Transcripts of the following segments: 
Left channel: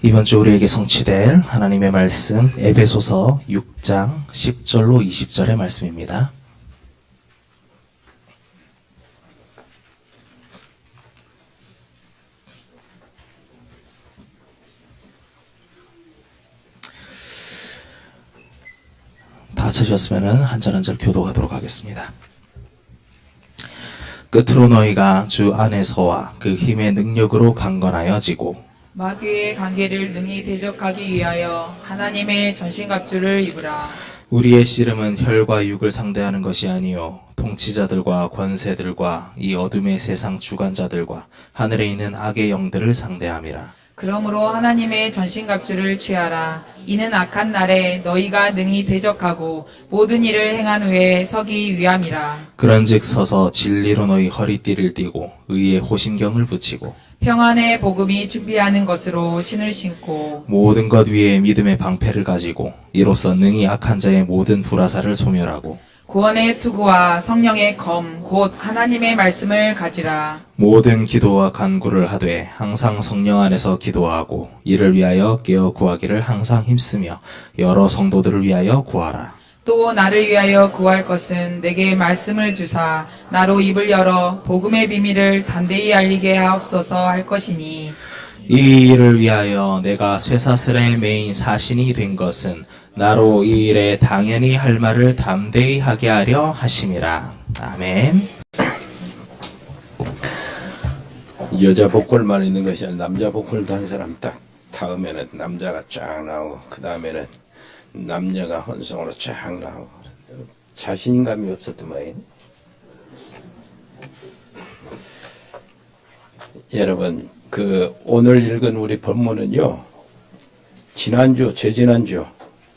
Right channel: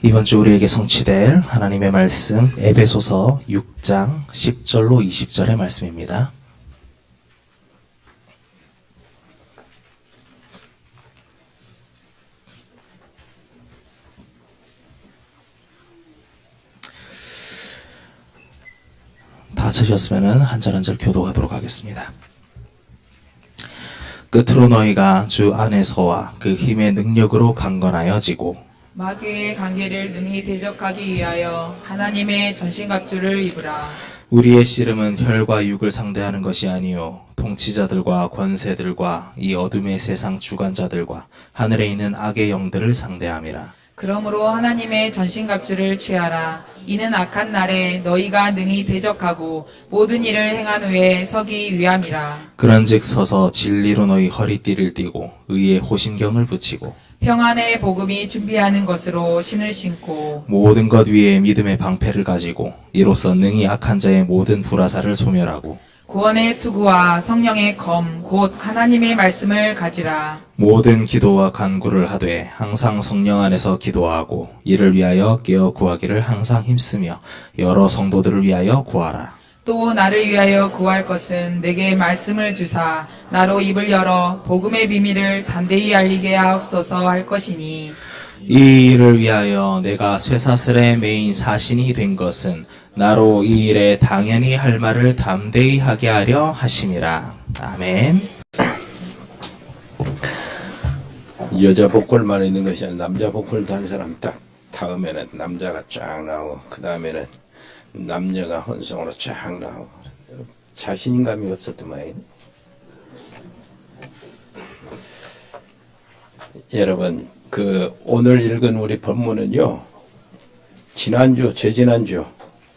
이번 주 우리에게 성취될 하나님의 말씀 에베소서 6장 10절로 20절의 말씀입니다. 다 찾으셨으면 한 절 한 절 교독하도록 하겠습니다. 끝으로 너희가 주 안에서와 그 힘의 능력으로 강건하여 지고 마귀의 관계를 능히 대적하기 위하여 하나님의 전신갑주를 입으라. 우리의 씨름은 혈과 육을 상대하는 것이 아니요 통치자들과 권세들과 이 어둠의 세상 주관자들과 하늘에 있는 악의 영들을 상대함이라. 그러므로 하나님의 전신갑주를 취하라. 이는 악한 날에 너희가 능히 대적하고 모든 일을 행한 후에 서기 위함이라. 그런즉 서서 진리로 너희 허리띠를 띠고 의의 호심경을 붙이고 평안의 복음이 준비하는 것으로 신을 신고 모든 것 위에 믿음의 방패를 가지고 이로써 능히 악한 자의 모든 불화살을 소멸하고 구원의 투구와 성령의 검 곧 하나님의 말씀을 가지라. 모든 기도와 간구를 하되 항상 성령 안에서 기도하고 이를 위하여 깨어 구하기를 항상 힘쓰며 여러 성도들을 위하여 구하라. 또 나를 위하여 구할 것은 내게 말씀을 주사 나로 입을 열어 복음의 비밀을 담대히 알리게 하옵소서 할 것이니 이 일을 위하여 내가 쇠사슬의 메인 사신이 된 것은 나로 이 일에 당연히 할 말을 담대히 하게 하려 하심이라. 아멘. 여자 보컬만 있는 것이 아니라 남자 보컬도 한 사람 딱 다음에는 남자가 쫙 나오고 그 다음에는 남녀가 혼성으로 쫙 나오고 자신감이 없었던 모양이네. 여러분 오늘 읽은 우리 본문은요, 재지난주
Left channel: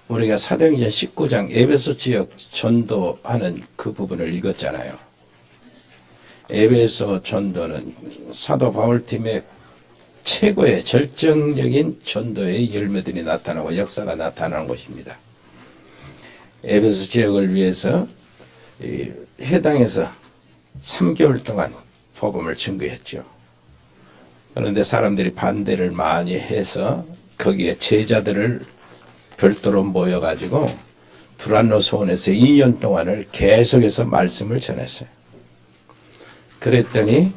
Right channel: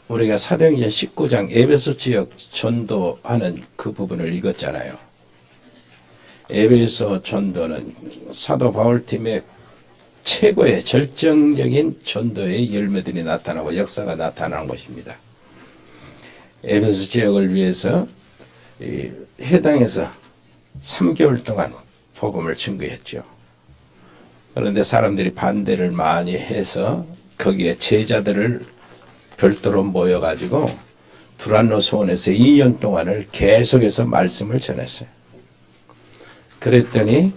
우리가 사도행전 19장 에베소 지역 전도하는 그 부분을 읽었잖아요. 에베소 전도는 사도 바울팀의 최고의 절정적인 전도의 열매들이 나타나고 역사가 나타나는 곳입니다. 에베소 지역을 위해서 해당에서 3개월 동안 복음을 증거했죠. 그런데 사람들이 반대를 많이 해서 거기에 제자들을 별도로 모여가지고 두란노 소원에서 2년 동안을 계속해서 말씀을 전했어요. 그랬더니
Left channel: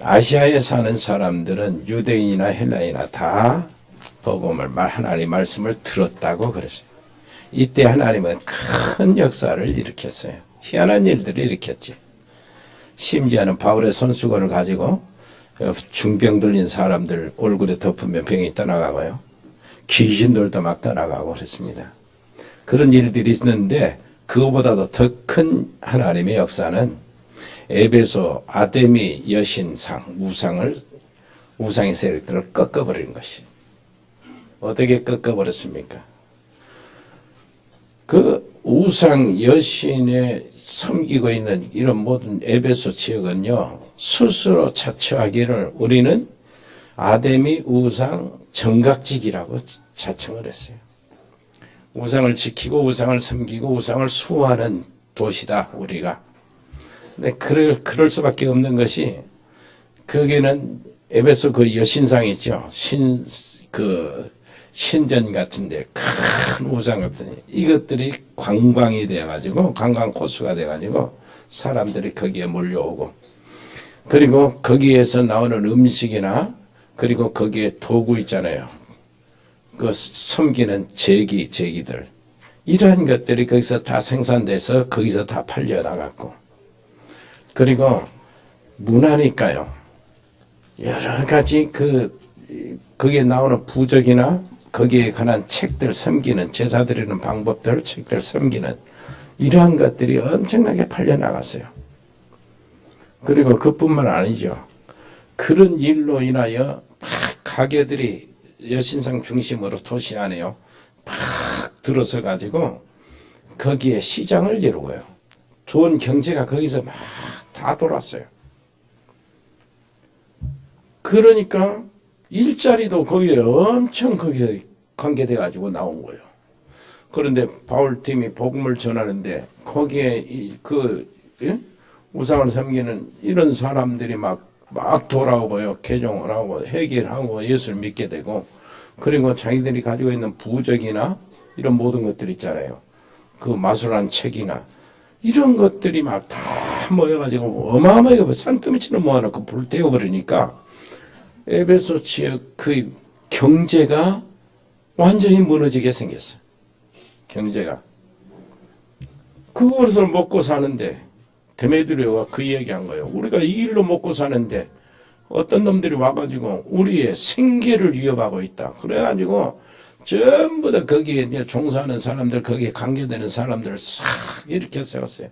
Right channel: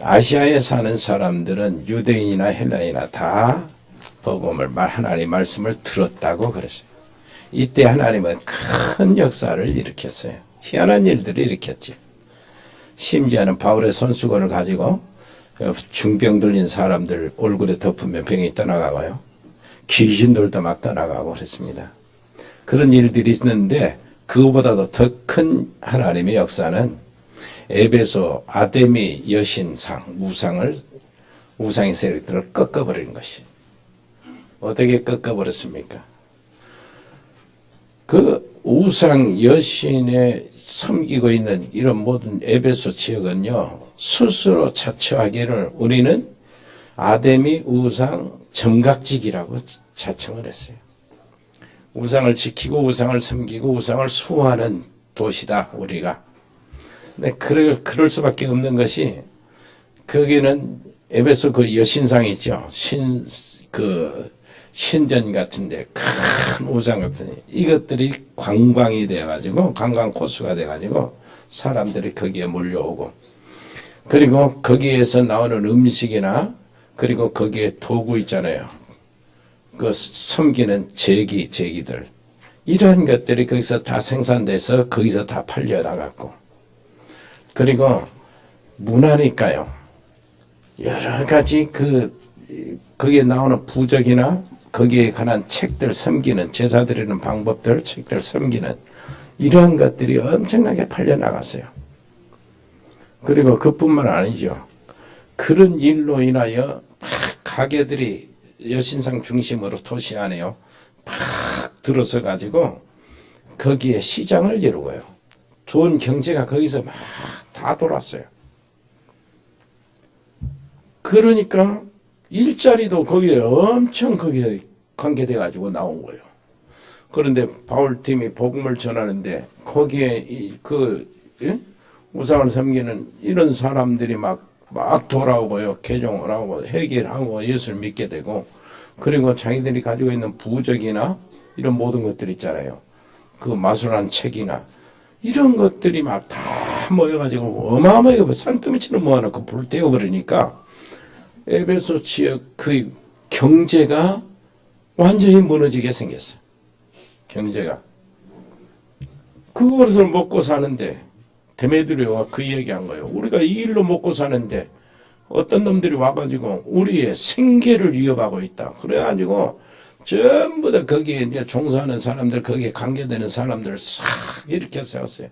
아시아에 사는 사람들은 유대인이나 헬라인이나 다 복음을 하나님의 말씀을 들었다고 그랬어요. 이때 하나님은 큰 역사를 일으켰어요. 희한한 일들을 일으켰지. 심지어는 바울의 손수건을 가지고 중병 들린 사람들 얼굴에 덮으면 병이 떠나가고요. 귀신들도 막 떠나가고 그랬습니다. 그런 일들이 있는데 그거보다도 더 큰 하나님의 역사는 에베소 아데미 여신상 우상의 세력들을 꺾어버리는 것이. 어떻게 꺾어버렸습니까? 그 우상 여신에 섬기고 있는 이런 모든 에베소 지역은요, 스스로 자처하기를 우리는 아데미 우상 정각직이라고 자청을 했어요. 우상을 지키고 우상을 섬기고 우상을 수호하는 도시다 우리가. 근데 그럴 수밖에 없는 것이, 거기는 에베소 그 여신상 있죠. 신전 같은데 큰 우상 같은 이것들이 관광이 돼가지고 관광 코스가 돼가지고 사람들이 거기에 몰려오고, 그리고 거기에서 나오는 음식이나 그리고 거기에 도구 있잖아요. 그 섬기는 제기들 이런 것들이 거기서 다 생산돼서 거기서 다 팔려 나갔고, 그리고 문화니까요. 여러 가지 거기에 나오는 부적이나 거기에 관한 책들 섬기는 제사 드리는 방법들 책들 섬기는 이러한 것들이 엄청나게 팔려 나갔어요. 그리고 그뿐만 아니죠. 그런 일로 인하여 가게들이 여신상 중심으로 도시 안에요 팍 들어서 가지고 거기에 시장을 이루고요. 돈 경제가 거기서 막 다 돌았어요. 그러니까 일자리도 거기에 엄청 거기에 관계돼 가지고 나온 거예요. 그런데 바울팀이 복음을 전하는데 거기에 우상을 섬기는 이런 사람들이 막 돌아오고요. 개종을 하고 회개를 하고 예수를 믿게 되고, 그리고 자기들이 가지고 있는 부적이나 이런 모든 것들 있잖아요. 그 마술한 책이나 이런 것들이 막 다 모여가지고 어마어마하게 산더미처럼 모아놓고 불태워버리니까 에베소 지역 그 경제가 완전히 무너지게 생겼어요. 경제가. 그것을 먹고 사는데 데메드리오가 그 이야기한 거예요. 우리가 이 일로 먹고 사는데 어떤 놈들이 와가지고 우리의 생계를 위협하고 있다. 그래가지고 전부 다 거기에 이제 종사하는 사람들, 거기에 관계되는 사람들을 싹 이렇게 세웠어요.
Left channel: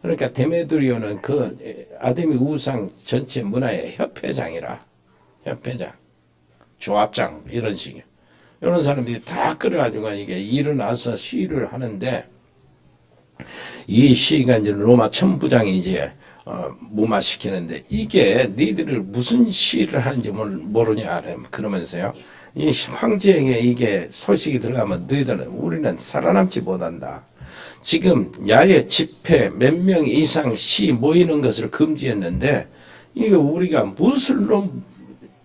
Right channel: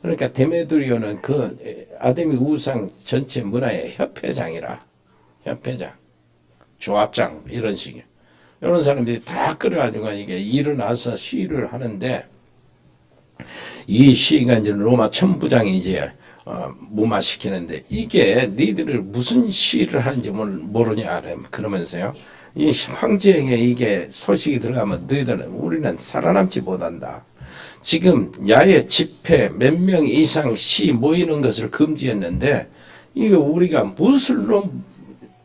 그러니까 데메드리오는 그 아데미 우상 전체 문화의 협회장이라. 협회장, 조합장 이런 식이에요. 이런 사람들이 다 끌어가지고 이게 일어나서 시위를 하는데 이 시위가 이제 로마 천부장이 이제 무마시키는데 이게 너희들을 무슨 시위를 하는지 모르냐 그러면서요. 이 황제에게 이게 소식이 들어가면 너희들은 우리는 살아남지 못한다. 지금 야외 집회 몇 명 이상 시 모이는 것을 금지했는데 이게 우리가 무엇으로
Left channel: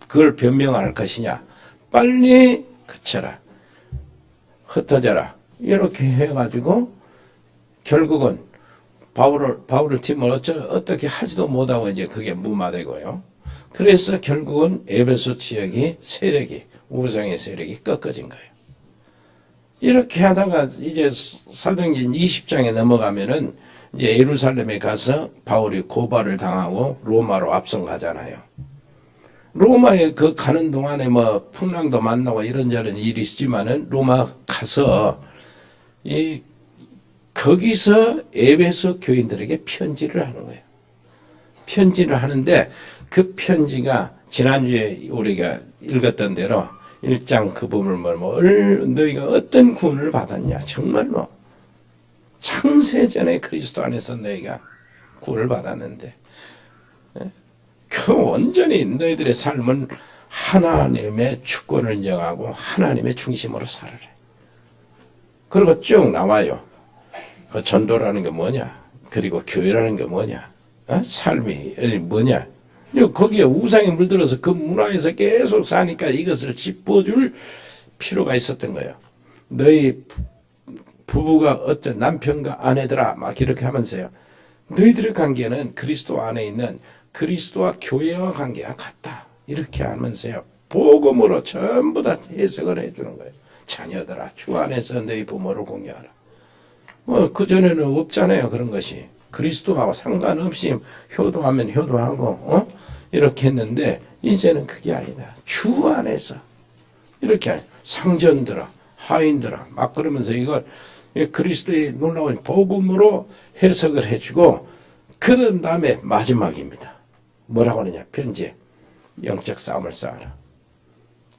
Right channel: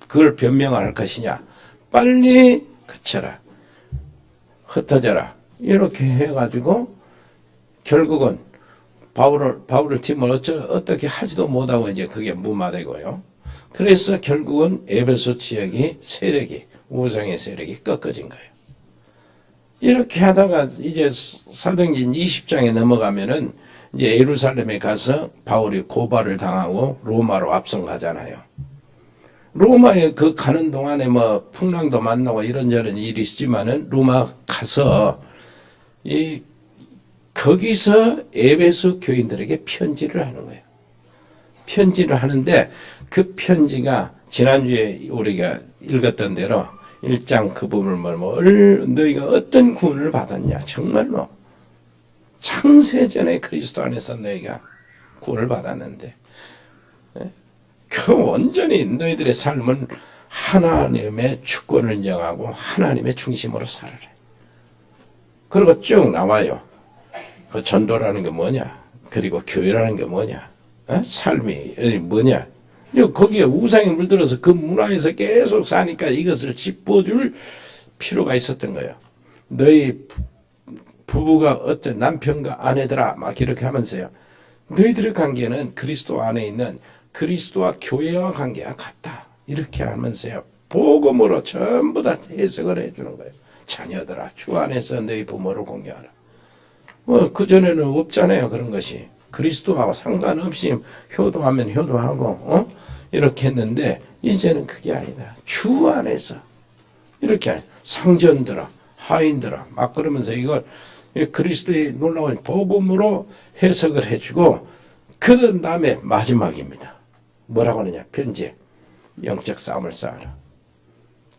그걸 변명할 것이냐. 빨리 그쳐라. 흩어져라. 이렇게 해가지고 결국은 바울을 팀을 어떻게 하지도 못하고 이제 그게 무마되고요. 그래서 결국은 에베소 지역이 세력이 우상의 세력이 꺾어진 거예요. 이렇게 하다가 이제 사도행전 20장에 넘어가면은 이제 예루살렘에 가서 바울이 고발을 당하고 로마로 앞선 가잖아요. 로마에 그 가는 동안에 뭐 풍랑도 만나고 이런저런 일이 있지만은 로마 가서 거기서 에베소 교인들에게 편지를 하는 거예요. 편지를 하는데 그 편지가 지난주에 우리가 읽었던 대로 1장 그 부분을 너희가 어떤 구원을 받았냐. 정말로 창세전에 그리스도 안에서 너희가 구원을 받았는데 그 온전히 너희들의 삶은 하나님의 주권을 인정하고 하나님의 중심으로 살아라. 그리고 쭉 나와요. 그 전도라는 게 뭐냐? 그리고 교회라는 게 뭐냐? 삶이 뭐냐? 거기에 우상에 물들어서 그 문화에서 계속 사니까 이것을 짚어줄 필요가 있었던 거예요. 너희 부부가 어떤 남편과 아내들아 막 이렇게 하면서요. 너희들의 관계는 그리스도 안에 있는 그리스도와 교회와 관계가 같다. 이렇게 하면서요. 복음으로 전부 다 해석을 해주는 거예요. 자녀들아 주 안에서 너희 부모를 공경하라. 뭐 그전에는 없잖아요. 그런 것이. 그리스도하고 상관없이 효도하면 효도하고 이렇게 했는데 이제는 그게 아니다. 주 안에서 이렇게 상전들아 하인들아 막 그러면서 이걸 그리스도의 놀라운 복음으로 해석을 해주고 그런 다음에 마지막입니다. 뭐라고 하느냐. 편지에 영적 싸움을 쌓아라.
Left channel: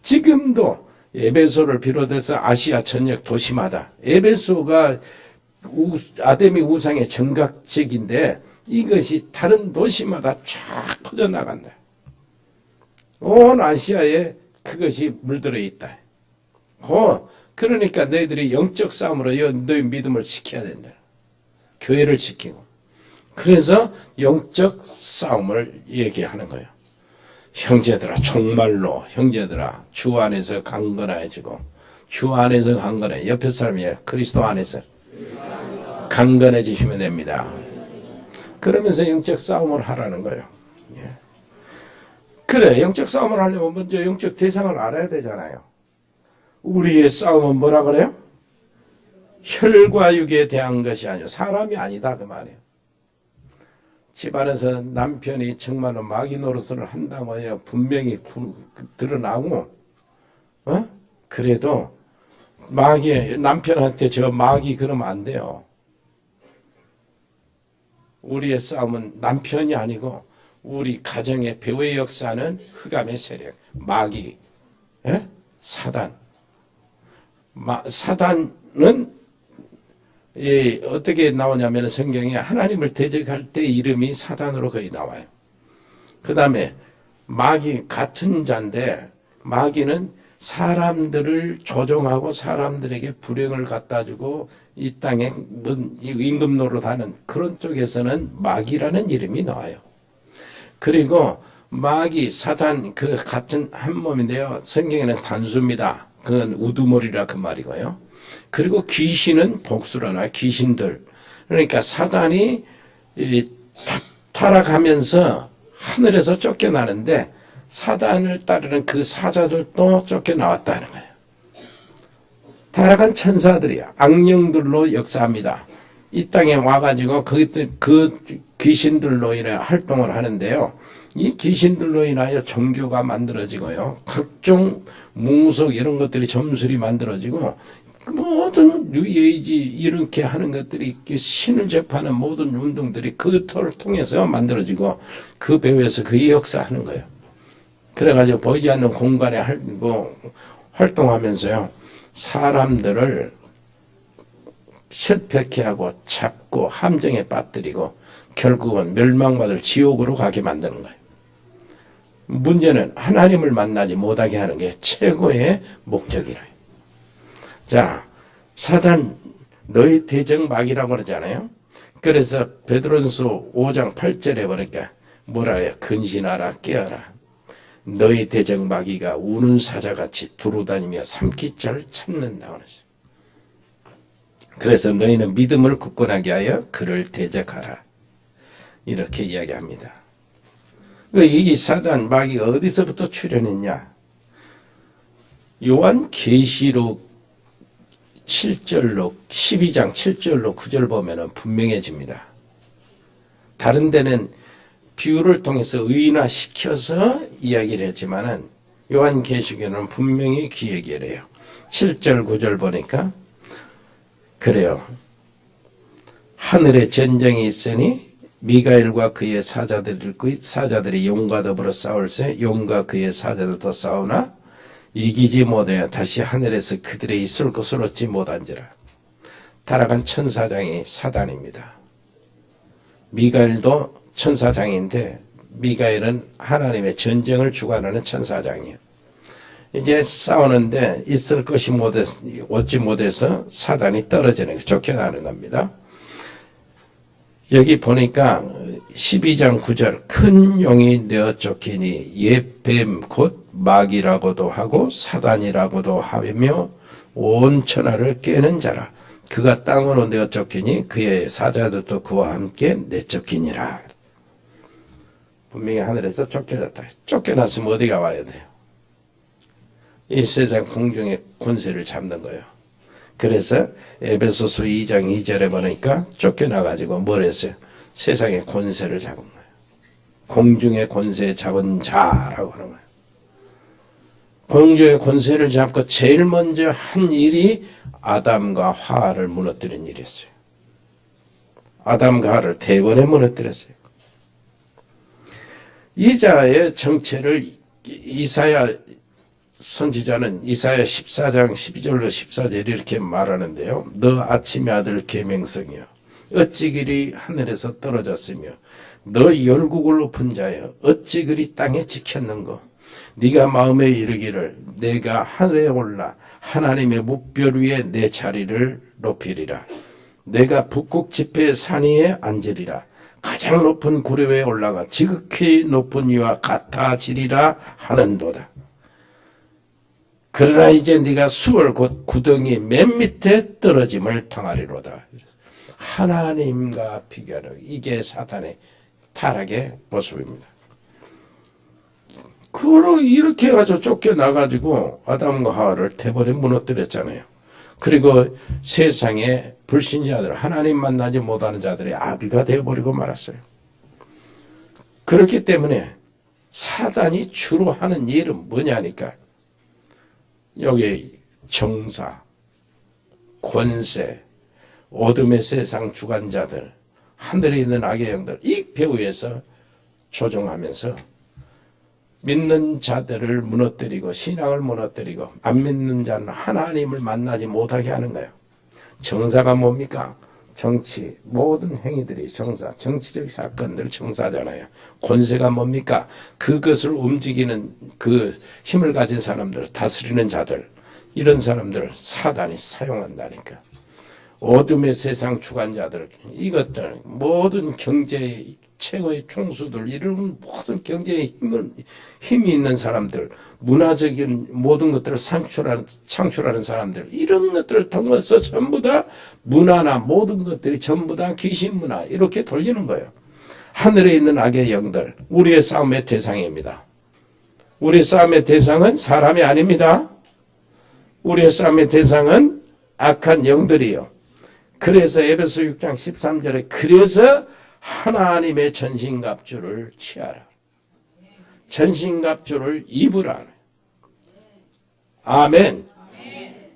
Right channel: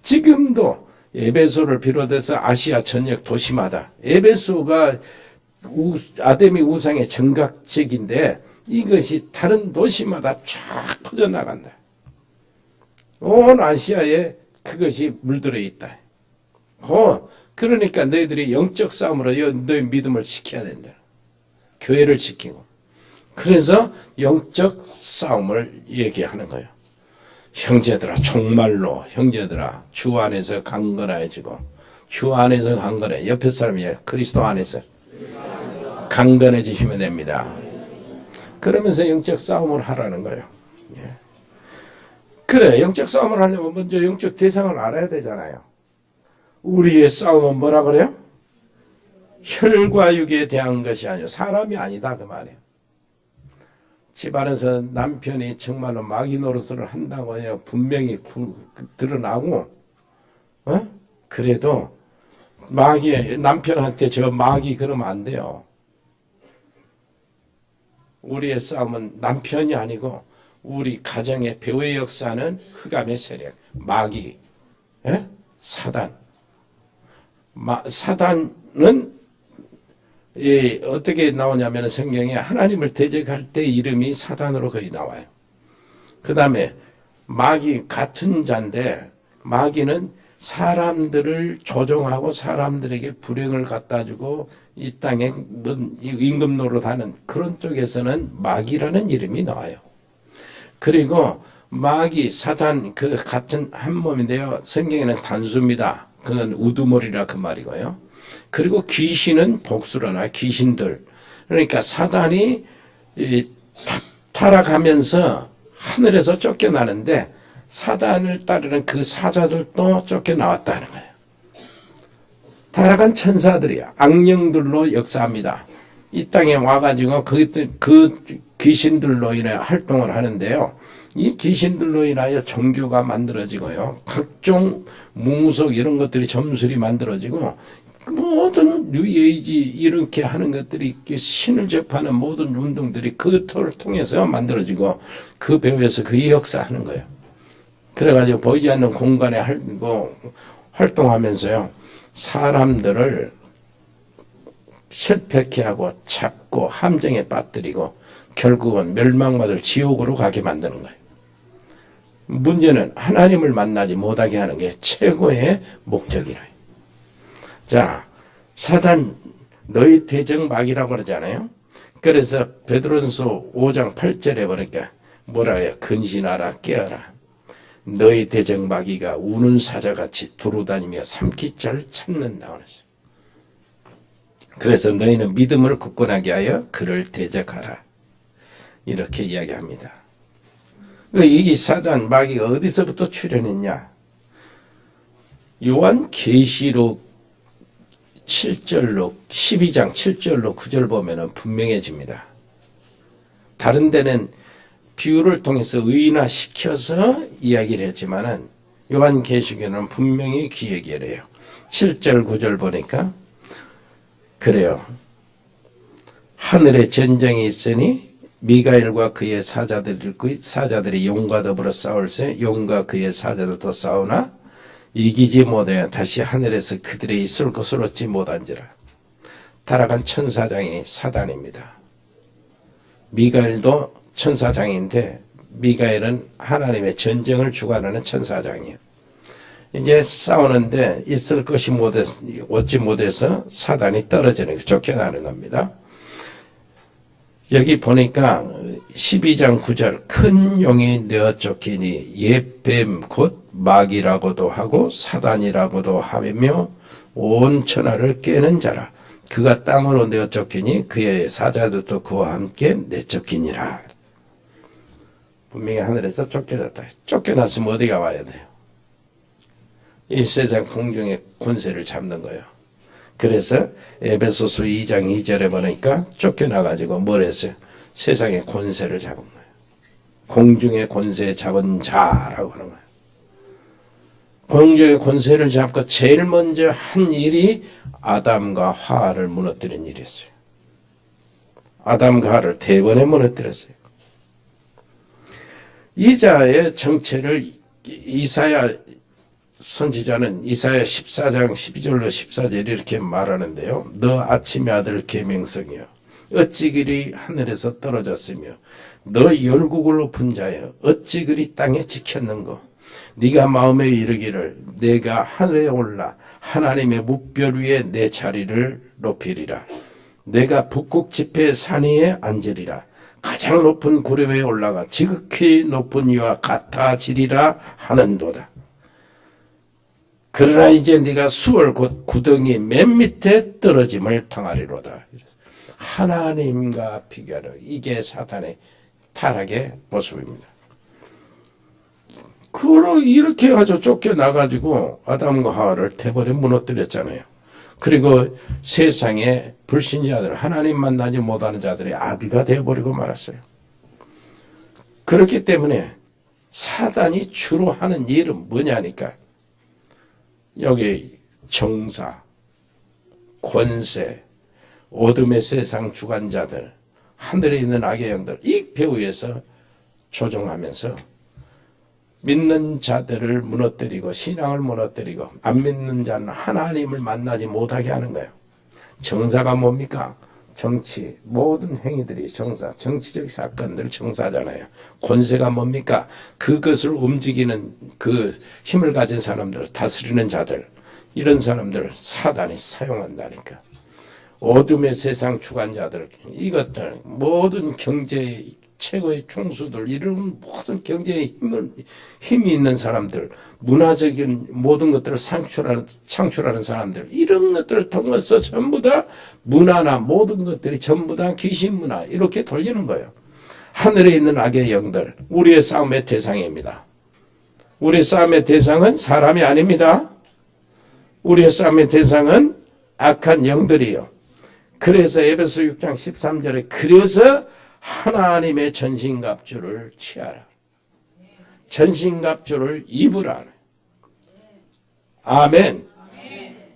지금도 에베소를 비롯해서 아시아 전역 도시마다 에베소가 아데미 우상의 정각지인데 이것이 다른 도시마다 쫙 퍼져나간다. 온 아시아에 그것이 물들어 있다. 그러니까 너희들이 영적 싸움으로 너희 믿음을 지켜야 된다. 교회를 지키고. 그래서 영적 싸움을 얘기하는 거예요. 형제들아 정말로 형제들아 주 안에서 강건해지고 주 안에서 강건해. 옆에 사람이 그리스도 안에서 강건해지시면 됩니다. 그러면서 영적 싸움을 하라는 거예요. 예. 그래 영적 싸움을 하려면 먼저 영적 대상을 알아야 되잖아요. 우리의 싸움은 뭐라 그래요? 혈과 육에 대한 것이 아니요 사람이 아니다 그 말이에요. 집안에서 남편이 정말로 마귀 노릇을 한다고 해요. 분명히 드러나고 그래도 남편한테 저 마귀 그러면 안 돼요. 우리의 싸움은 남편이 아니고 우리 가정의 배후의 역사는 흑암의 세력, 마귀, 사단. 사단은 어떻게 나오냐면 성경에 하나님을 대적할 때 이름이 사단으로 거의 나와요. 그 다음에 마귀 같은 자인데 마귀는 사람들을 조종하고 사람들에게 불행을 갖다 주고 이 땅에 임금 노릇하는 그런 쪽에서는 마귀라는 이름이 나와요. 그리고 마귀, 사단 그 같은 한 몸인데요. 성경에는 단수입니다. 그건 우두머리라 그 말이고요. 그리고 귀신은 복수라나 귀신들. 그러니까 사단이 타락하면서 하늘에서 쫓겨나는데 사단을 따르는 그 사자들도 쫓겨나왔다는 거예요. 타락한 천사들이야. 악령들로 역사합니다. 이 땅에 와가지고 그 귀신들로 인해 활동을 하는데요. 이 귀신들로 인하여 종교가 만들어지고요. 각종 뭉석 이런 것들이 점술이 만들어지고 모든 뉴에이지 이렇게 하는 것들이 신을 접하는 모든 운동들이 그 터를 통해서 만들어지고 그 배후에서 그 역사하는 거예요. 그래가지고 보이지 않는 공간에 활동하면서요. 사람들을 실패케 하고 잡고 함정에 빠뜨리고 결국은 멸망받을 지옥으로 가게 만드는 거예요. 문제는 하나님을 만나지 못하게 하는 게 최고의 목적이래요. 자, 사단 너희 대적마귀라고 그러잖아요. 그래서 베드로전서 5장 8절에 보니까 뭐라 해요? 근신하라 깨어라. 너희 대적마귀가 우는 사자같이 두루다니며 삼키자를 찾는다고 했어요. 그래서 너희는 믿음을 굳건하게 하여 그를 대적하라. 이렇게 이야기합니다. 이 사단 마귀가 어디서부터 출현했냐? 요한 계시록 7절로 12장 7절로 9절 보면은 분명해집니다. 다른 데는 비유를 통해서 의인화시켜서 이야기를 했지만은 요한 계시록에는 분명히 그 얘기를 해요. 7절 9절 보니까 그래요. 하늘에 전쟁이 있으니 미가엘과 그의 사자들이 용과 더불어 싸울세 용과 그의 사자들도 싸우나 이기지 못하여 다시 하늘에서 그들의 있을 것을 얻지 못한지라. 타락한 천사장이 사단입니다. 미가엘도 천사장인데 미가엘은 하나님의 전쟁을 주관하는 천사장이에요. 이제 싸우는데 있을 것이 얻지 못해서 사단이 떨어지는 거, 쫓겨나는 겁니다. 여기 보니까 12장 9절 큰 용이 내어 쫓기니 옛뱀 곧 마귀라고도 하고 사단이라고도 하며 온 천하를 깨는 자라. 그가 땅으로 내어 쫓기니 그의 사자들도 그와 함께 내쫓기니라. 분명히 하늘에서 쫓겨났다. 쫓겨났으면 어디가 와야 돼요? 이 세상 공중의 권세를 잡는 거예요. 그래서 에베소서 2장 2절에 보니까 쫓겨나가지고 뭘 했어요? 세상의 권세를 잡은 거예요. 공중의 권세 잡은 자라고 하는 거예요. 공중의 권세를 잡고 제일 먼저 한 일이 아담과 하와를 무너뜨린 일이었어요. 아담과 하와를 대번에 무너뜨렸어요. 이 자의 정체를 이사야 선지자는 이사야 14장 12절로 14절 이렇게 말하는데요. 너 아침의 아들 계명성이여 어찌 그리 하늘에서 떨어졌으며 너 열국을 높은 자여 어찌 그리 땅에 지켰는고 네가 마음에 이르기를 내가 하늘에 올라 하나님의 묵별 위에 내 자리를 높이리라. 내가 북극 지폐 산 위에 앉으리라. 가장 높은 구름 위에 올라가 지극히 높은 이와 같아지리라 하는도다. 그러나 이제 네가 수월 곧 구덩이 맨 밑에 떨어짐을 당하리로다. 하나님과 비교하는 이게 사탄의 타락의 모습입니다. 그로 이렇게 해가지고 쫓겨나가지고 아담과 하와를 대버려 무너뜨렸잖아요. 그리고 세상의 불신자들, 하나님 만나지 못하는 자들의 아비가 되어버리고 말았어요. 그렇기 때문에 사단이 주로 하는 일은 뭐냐니까 여기 정사, 권세, 어둠의 세상 주관자들, 하늘에 있는 악의 영들 이 배후에서 조종하면서 믿는 자들을 무너뜨리고 신앙을 무너뜨리고 안 믿는 자는 하나님을 만나지 못하게 하는 거예요. 정사가 뭡니까? 정치, 모든 행위들이 정사, 정치적 사건들 정사잖아요. 권세가 뭡니까? 그것을 움직이는 그 힘을 가진 사람들, 다스리는 자들, 이런 사람들을 사단이 사용한다니까. 어둠의 세상 주관자들, 이것들, 모든 경제 최고의 총수들, 이런 모든 경제에 힘이 있는 사람들, 문화적인 모든 것들을 창출하는 사람들, 이런 것들을 통해서 전부 다 문화나 모든 것들이 전부 다 귀신 문화, 이렇게 돌리는 거예요. 하늘에 있는 악의 영들, 우리의 싸움의 대상입니다. 우리 싸움의 대상은 사람이 아닙니다. 우리의 싸움의 대상은 악한 영들이요. 그래서 에베소 6장 13절에 그래서 하나님의 전신갑주를 취하라. 전신갑주를 입으라. 아멘.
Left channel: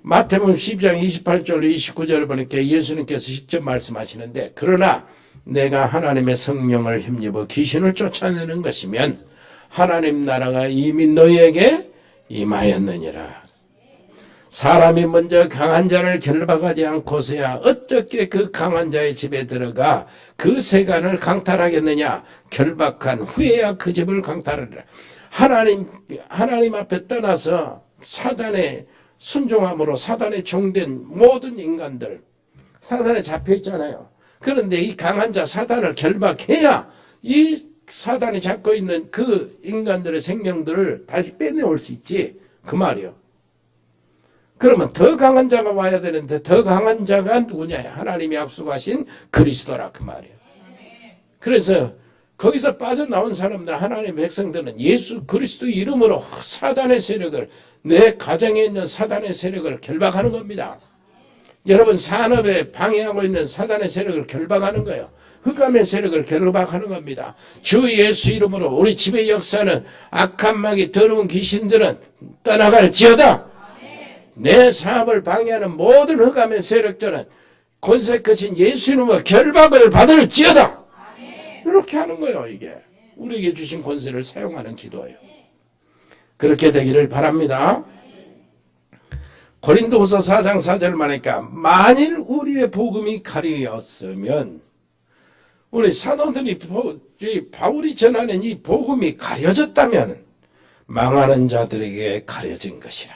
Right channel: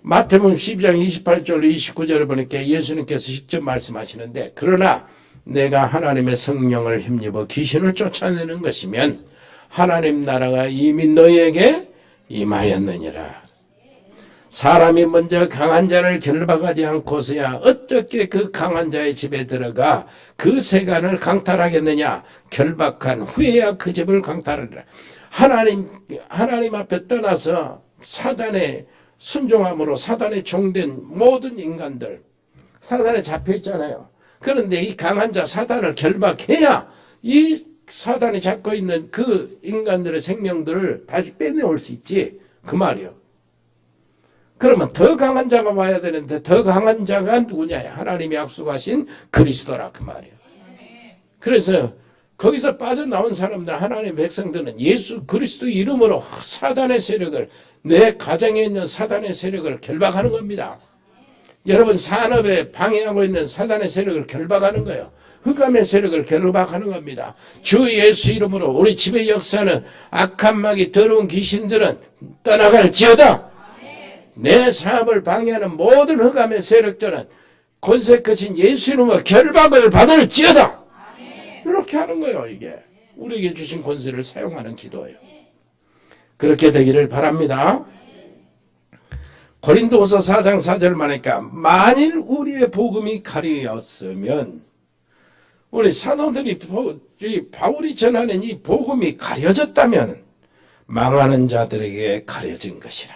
마태복음 12장 28절 29절을 보니까 예수님께서 직접 말씀하시는데 그러나 내가 하나님의 성령을 힘입어 귀신을 쫓아내는 것이면 하나님 나라가 이미 너희에게 임하였느니라. 사람이 먼저 강한 자를 결박하지 않고서야 어떻게 그 강한 자의 집에 들어가 그 세간을 강탈하겠느냐. 결박한 후에야 그 집을 강탈하리라. 하나님 앞에 떠나서 사단의 순종함으로 사단에 종된 모든 인간들, 사단에 잡혀있잖아요. 그런데 이 강한 자 사단을 결박해야 이 사단이 잡고 있는 그 인간들의 생명들을 다시 빼내올 수 있지. 그 말이요. 그러면 더 강한 자가 와야 되는데 더 강한 자가 누구냐? 하나님이 약속하신 그리스도라 그 말이에요. 그래서 거기서 빠져나온 사람들, 하나님의 백성들은 예수 그리스도 이름으로 사단의 세력을, 내 가정에 있는 사단의 세력을 결박하는 겁니다. 여러분 산업에 방해하고 있는 사단의 세력을 결박하는 거예요. 흑암의 세력을 결박하는 겁니다. 주 예수 이름으로 우리 집의 역사는 악한 마귀 더러운 귀신들은 떠나갈지어다. 내 사업을 방해하는 모든 흑암의 세력들은 권세 크신 예수 이름으로 결박을 받을지어다. 이렇게 하는 거예요. 이게 우리에게 주신 권세를 사용하는 기도예요. 그렇게 되기를 바랍니다. 고린도후서 4장 4절을 말하니까 만일 우리의 복음이 가려졌으면, 우리 사도들이 바울이 전하는 이 복음이 가려졌다면 망하는 자들에게 가려진 것이라.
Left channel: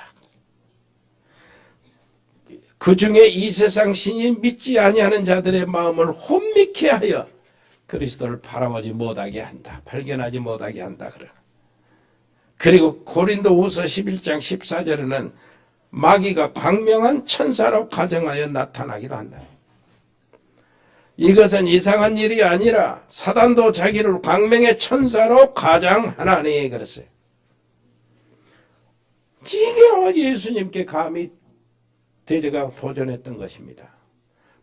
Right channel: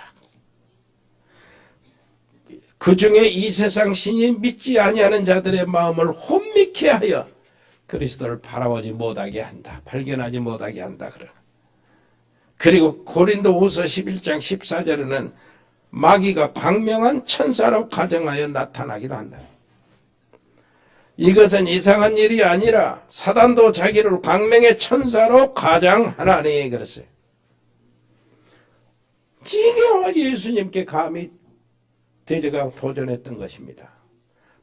그 중에 이 세상 신이 믿지 아니하는 자들의 마음을 혼미케 하여 그리스도를 바라보지 못하게 한다. 발견하지 못하게 한다. 그리고 고린도후서 11장 14절에는 마귀가 광명한 천사로 가정하여 나타나기도 한다. 이것은 이상한 일이 아니라 사단도 자기를 광명의 천사로 가장하나니 그랬어요. 이게 예수님께 감히 대제가 도전했던 것입니다.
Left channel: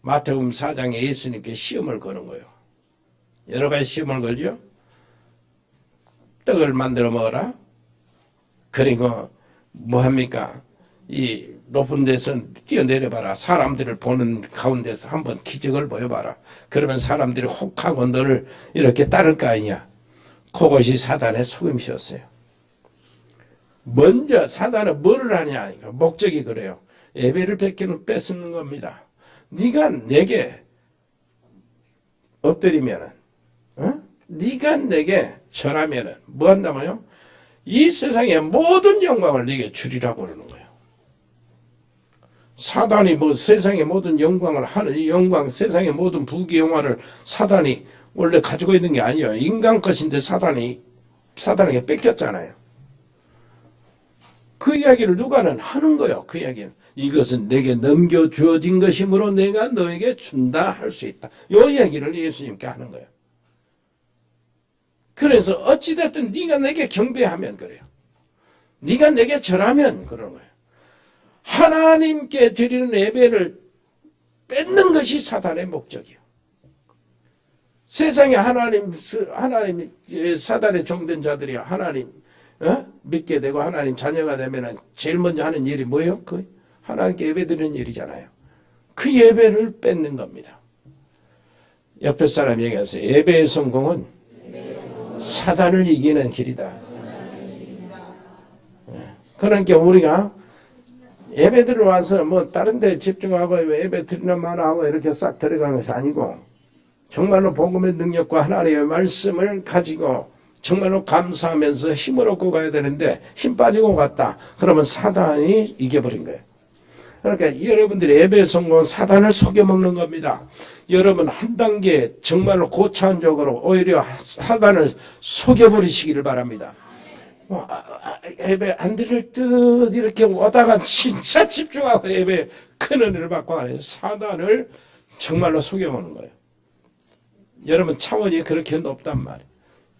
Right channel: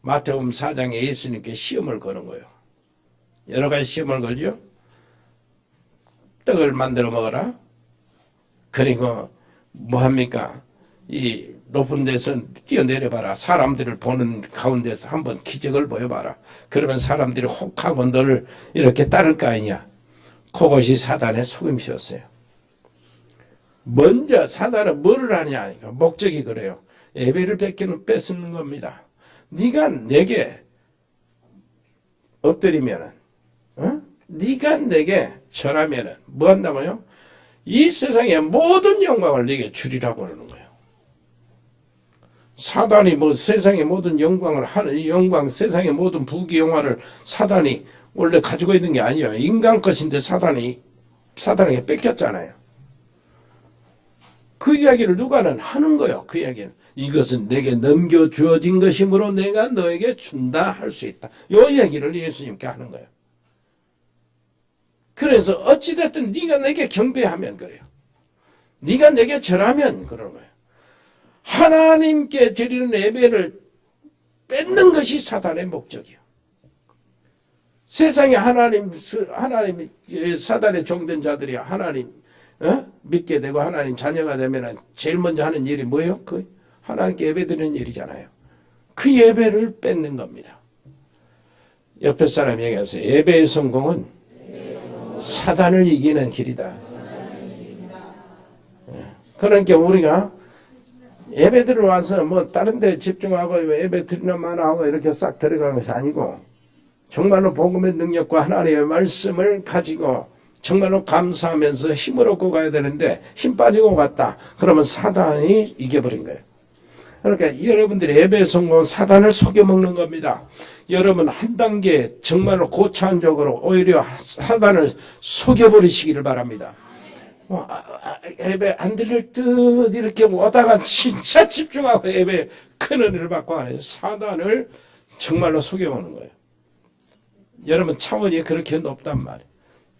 마태복음 4장에 예수님께 시험을 거는 거예요. 여러 가지 시험을 걸죠. 떡을 만들어 먹어라. 그리고 뭐합니까? 이 높은 데서 뛰어내려봐라. 사람들을 보는 가운데서 한번 기적을 보여봐라. 그러면 사람들이 혹하고 너를 이렇게 따를 거 아니냐. 그것이 사단의 속임수였어요. 먼저 사단은 뭐를 하냐. 목적이 그래요. 예배를 뺏는 겁니다. 네가 내게 엎드리면은, 네가 내게 절하면은 뭐 한다고요? 이 세상의 모든 영광을 네게 주리라고 그러는 거예요. 사단이 뭐 세상의 모든 영광을 하는, 영광, 세상의 모든 부귀영화를 사단이 원래 가지고 있는 게 아니에요. 인간 것인데 사단에게 뺏겼잖아요. 그 이야기를 누가는 하는 거예요. 그 이야기는. 이것은 내게 넘겨주어진 것이므로 내가 너에게 준다 할 수 있다. 이 얘기를 예수님께 하는 거예요. 그래서 어찌됐든 네가 내게 경배하면 그래요. 네가 내게 절하면 그러는 거예요. 하나님께 드리는 예배를 뺏는 것이 사단의 목적이에요. 세상에 하나님 사단의 종된 자들이 하나님 믿게 되고 하나님 자녀가 되면 제일 먼저 하는 일이 뭐예요? 하나님께 예배 드리는 일이잖아요. 그 예배를 뺏는 겁니다. 옆에 사람 얘기하세요. 예배의 성공은 사단을 이기는 길이다. 그러니까 우리가 예배 들어와서 뭐 다른 데 집중하고 예배 드리나 마나 하고 이렇게 싹 들어가는 것이 아니고 정말로 복음의 능력과 하나님의 말씀을 가지고 정말로 감사하면서 힘을 얻고 가야 되는데 힘 빠지고 갔다. 그러면 사단이 이겨버린 거예요. 그러니까 여러분들이 예배 성공 사단을 속여먹는 겁니다. 여러분 한 단계 정말로 고차원적으로 오히려 사단을 속여버리시기를 바랍니다. 예배 안 들릴 듯 이렇게 오다가 진짜 집중하고 예배 큰 은혜를 받고 하는 사단을 정말로 속여먹는 거예요. 여러분 차원이 그렇게 높단 말이에요.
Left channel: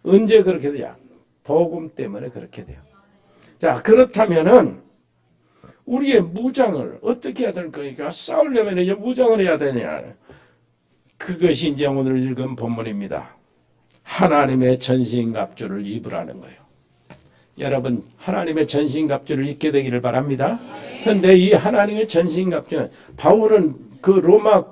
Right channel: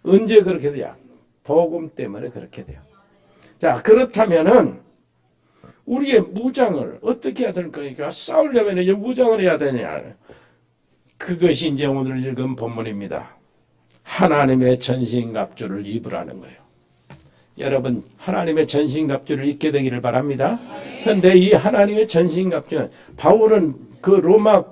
언제 그렇게 돼요? 복음 때문에 그렇게 돼요. 자, 그렇다면은 우리의 무장을 어떻게 해야 될 거니까 싸우려면 이제 무장을 해야 되냐. 그것이 이제 오늘 읽은 본문입니다. 하나님의 전신갑주를 입으라는 거예요. 여러분 하나님의 전신갑주를 입게 되기를 바랍니다. 그런데 이 하나님의 전신갑주는 바울은 그 로마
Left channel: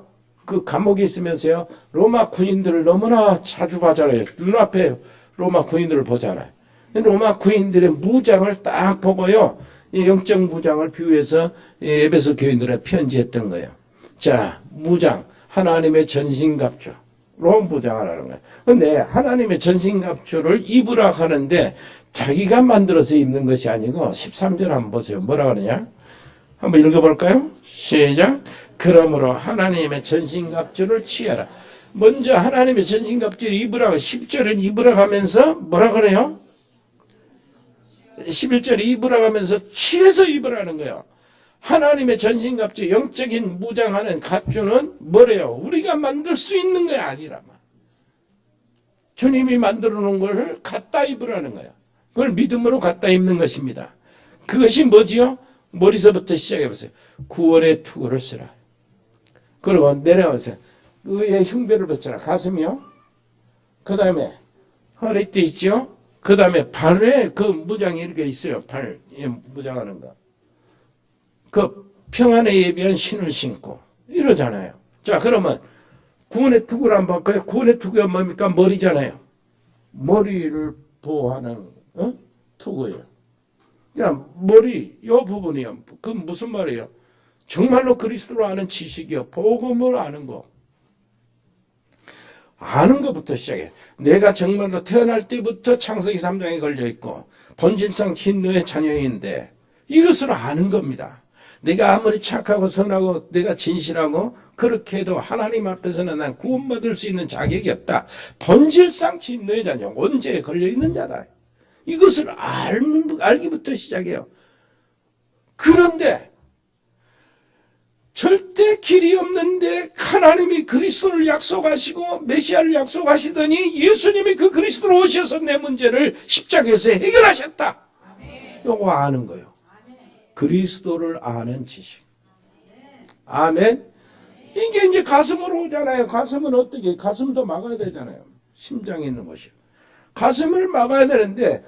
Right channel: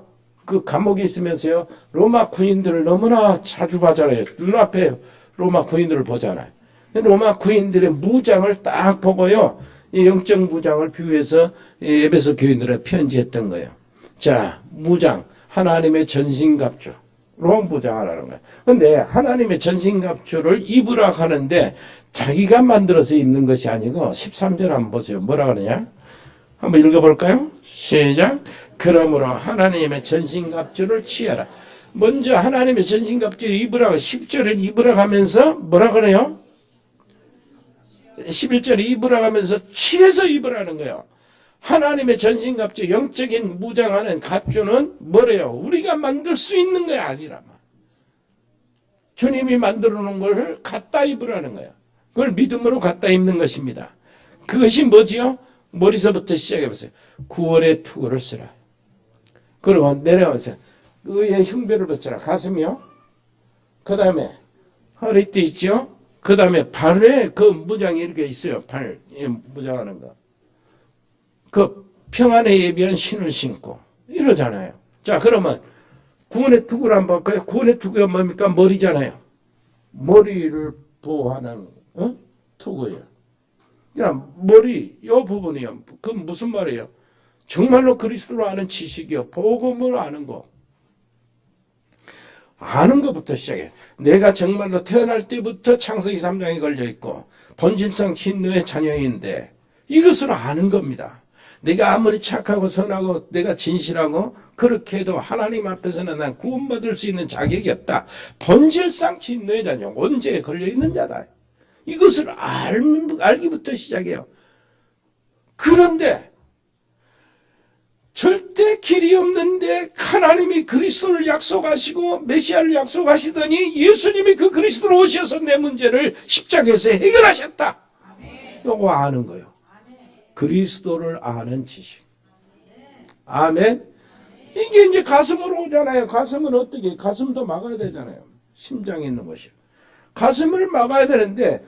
그 감옥에 있으면서요 로마 군인들을 너무나 자주 봐잖아요. 눈앞에 로마 군인들을 보잖아요. 로마 군인들의 무장을 딱 보고요 이 영적 무장을 비유해서 에베소 교인들에 편지했던 거예요. 자, 무장 하나님의 전신갑주 로 무장하라는 거예요. 그런데 하나님의 전신갑주를 입으라 하는데 자기가 만들어서 입는 것이 아니고 13절 한번 보세요. 뭐라 그러냐? 한번 읽어볼까요? 시작. 그러므로 하나님의 전신갑주를 취하라. 먼저 하나님의 전신갑주를 입으라고 10절은 입으라고 하면서 뭐라 그래요? 11절에 입으라고 하면서 취해서 입으라는 거예요. 하나님의 전신갑주 영적인 무장하는 갑주는 뭐래요? 우리가 만들 수 있는 게 아니라 주님이 만들어 놓은 걸 갖다 입으라는 거예요. 그걸 믿음으로 갖다 입는 것입니다. 그것이 뭐지요? 머리서부터 시작해보세요. 구원의 투구를 쓰라. 그리고 내려오세요. 의의 흉배를 붙여라. 가슴이요. 그 다음에 허리띠 있죠. 그 다음에 발에 그 무장이 이렇게 있어요. 발에 무장하는 거. 그 평안에 예비한 신을 신고 이러잖아요. 자, 그러면 구원의 투구를 한번 볼까요? 구원의 투구가 뭡니까? 머리잖아요. 머리를 보호하는 투구예요. 야, 머리 이 부분이요. 그 무슨 말이에요? 정말로 그리스도를 아는 지식이요. 복음을 아는 거. 아는 것부터 시작해. 내가 정말로 태어날 때부터 창세기 3장에 걸려있고 본질상 진노의 자녀인데 이것을 아는 겁니다. 내가 아무리 착하고 선하고 내가 진실하고 그렇게 해도 하나님 앞에서는 난 구원받을 수 있는 자격이 없다. 본질상 진노의 자녀, 원죄에 걸려있는 자다. 이것을 알기부터 시작해요. 그런데 절대 길이 없는데 하나님이 그리스도를 약속하시고 메시아를 약속하시더니 예수님이 그 그리스도로 오셔서 내 문제를 십자가에서 해결하셨다. 이거 아는 거예요. 그리스도를 아는 지식. 아멘. 이게 이제 가슴으로 오잖아요. 가슴은 어떻게? 가슴도 막아야 되잖아요. 심장에 있는 것이요. 가슴을 막아야 되는데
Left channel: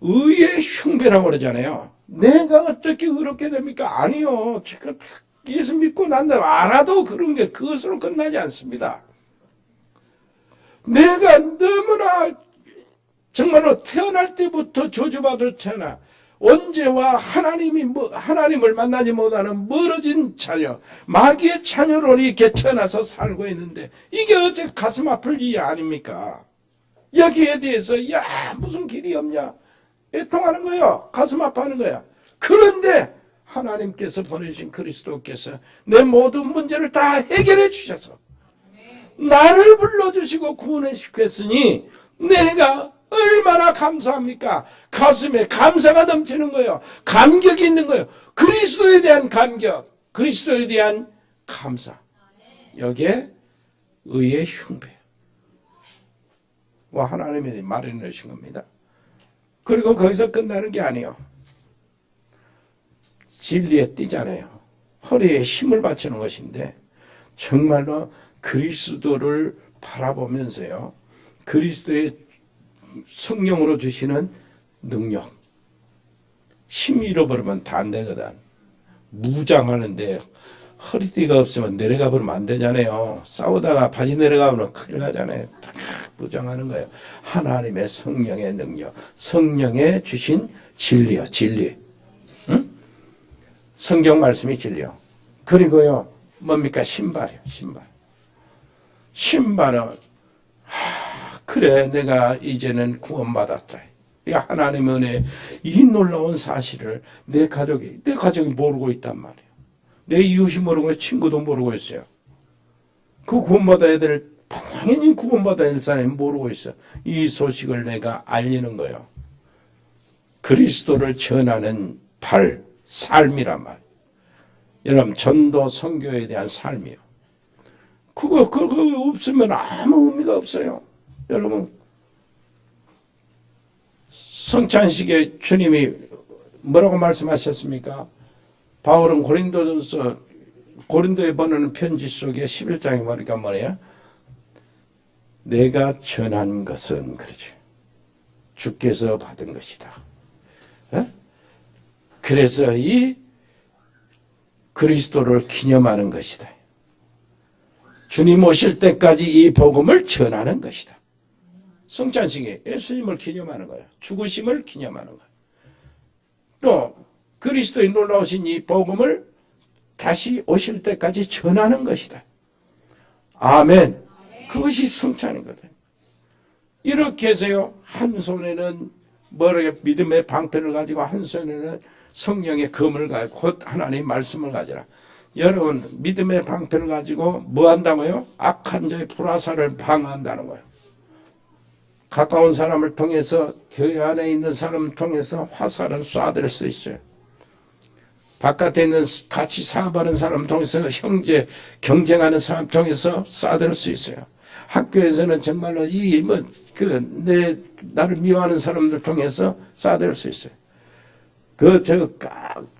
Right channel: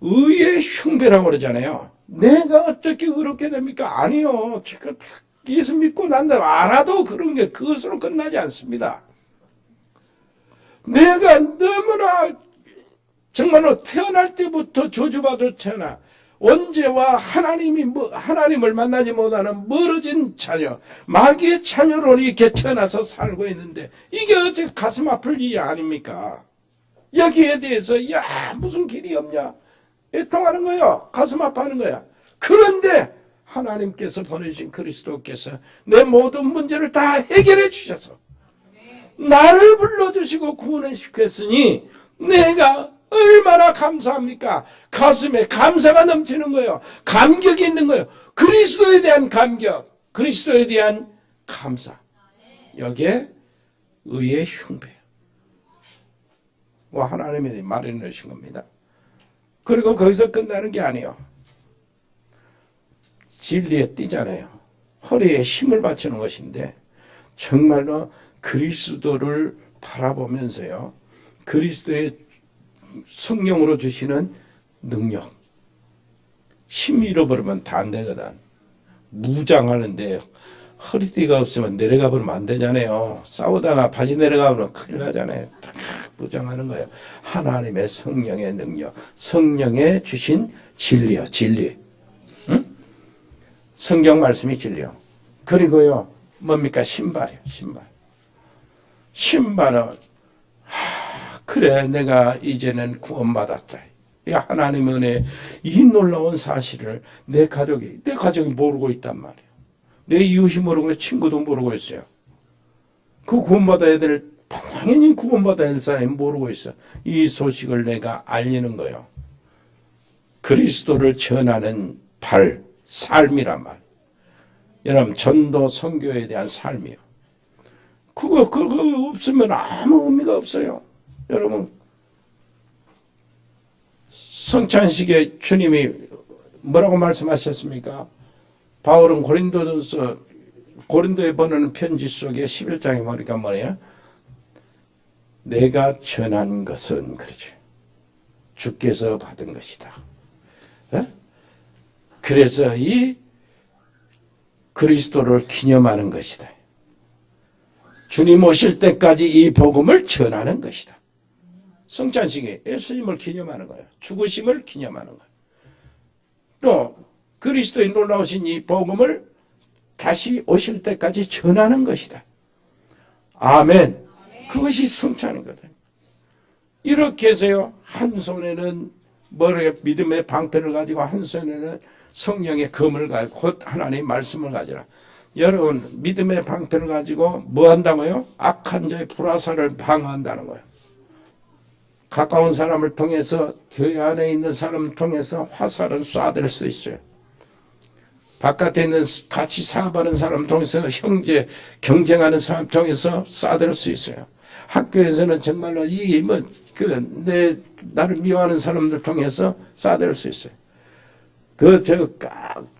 의의 흉배라고 그러잖아요. 내가 어떻게 그렇게 됩니까? 아니요. 예수 믿고 난다 알아도 그런 게 그것으로 끝나지 않습니다. 내가 너무나 정말로 태어날 때부터 저주받을 태어나 언제와 하나님을 만나지 못하는 멀어진 자녀, 마귀의 자녀로 이렇게 태어나서 살고 있는데 이게 어째 가슴 아플 일이 아닙니까? 여기에 대해서 무슨 길이 없냐? 애통하는 거예요. 가슴 아파하는 거야. 그런데 하나님께서 보내주신 그리스도께서 내 모든 문제를 다 해결해 주셔서 나를 불러주시고 구원해 주셨으니 내가 얼마나 감사합니까? 가슴에 감사가 넘치는 거예요. 감격이 있는 거예요. 그리스도에 대한 감격, 그리스도에 대한 감사. 여기에 의의 흉배. 하나님이 마련해 주신 겁니다. 그리고 거기서 끝나는 게 아니에요. 진리에 띄잖아요. 허리에 힘을 바치는 것인데 정말로 그리스도를 바라보면서요. 그리스도의 성령으로 주시는 능력. 힘이 잃어버리면 다 안 되거든. 무장하는데 허리띠가 없으면 내려가 버리면 안 되잖아요. 싸우다가 바지 내려가면 큰일 나잖아요. 무장하는 거예요. 하나님의 성령의 능력. 성령의 주신 진리요. 진리. 응? 성경 말씀이 진리요. 그리고요. 뭡니까? 신발이요. 신발은 그래 내가 이제는 구원받았다. 이 하나님의 은혜 이 놀라운 사실을 내 가족이 모르고 있단 말이에요. 내 이웃이 모르고 친구도 모르고 있어요. 그 구원받아야 될, 당연히 구원받아야 될 사람이 모르고 있어. 이 소식을 내가 알리는 거예요. 그리스도를 전하는 삶이란 말. 여러분, 전도 선교에 대한 삶이요. 그거 없으면 아무 의미가 없어요. 여러분, 성찬식에 주님이 뭐라고 말씀하셨습니까? 바울은 고린도에 보내는 편지 속에 11장에 보니까 뭐예요? 내가 전한 것은, 그러죠, 주께서 받은 것이다. 에? 그래서 이 그리스도를 기념하는 것이다. 주님 오실 때까지 이 복음을 전하는 것이다. 성찬식에 예수님을 기념하는 거예요. 죽으심을 기념하는 거예요. 또 그리스도의 놀라우신 이 복음을 다시 오실 때까지 전하는 것이다. 아멘. 그것이 성찬이거든요. 이렇게 해서요, 한 손에는 믿음의 방패를 가지고 한 손에는 성령의 검을 가지고 곧 하나님의 말씀을 가지라. 여러분, 믿음의 방패를 가지고 뭐 한다고요? 악한 자의 불화살을 방어한다는 거예요. 가까운 사람을 통해서, 교회 안에 있는 사람을 통해서 화살은 쏴댈 수 있어요. 바깥에 있는 같이 사업하는 사람을 통해서, 형제 경쟁하는 사람 통해서 쏴댈 수 있어요. 학교에서는 정말로 나를 미워하는 사람들 통해서 쏴댈 수 있어요.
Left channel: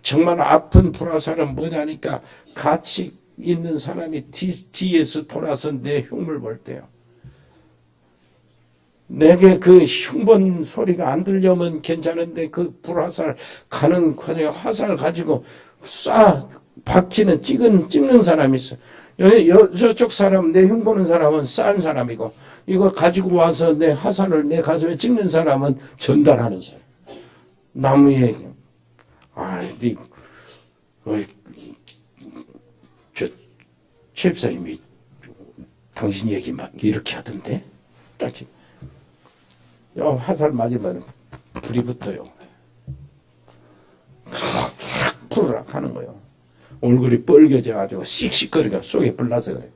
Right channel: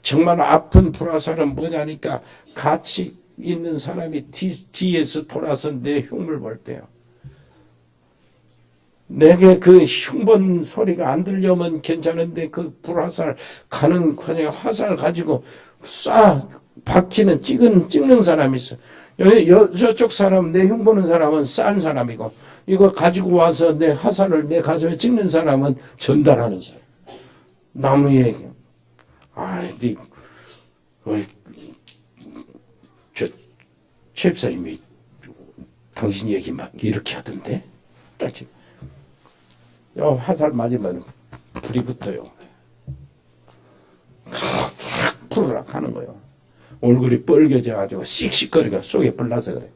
정말 아픈 불화살은 뭐냐니까, 같이 있는 사람이 뒤에서 돌아서 내 흉물 볼 때요. 내게 그 흉본 소리가 안 들려면 괜찮은데, 그 불화살 가는 화살 가지고 찍는 사람이 있어. 저쪽 사람, 내 흉보는 사람은 싼 사람이고, 이거 가지고 와서 내 화살을 내 가슴에 찍는 사람은 전달하는 사람. 나무에, 최입사님이 당신 얘기 막 이렇게 하던데? 딱 지금. 화살 맞으면 불이 붙어요. 푸르락 하는 거예요. 얼굴이 뻘개져가지고 씩씩거리가 속에 불나서 그래.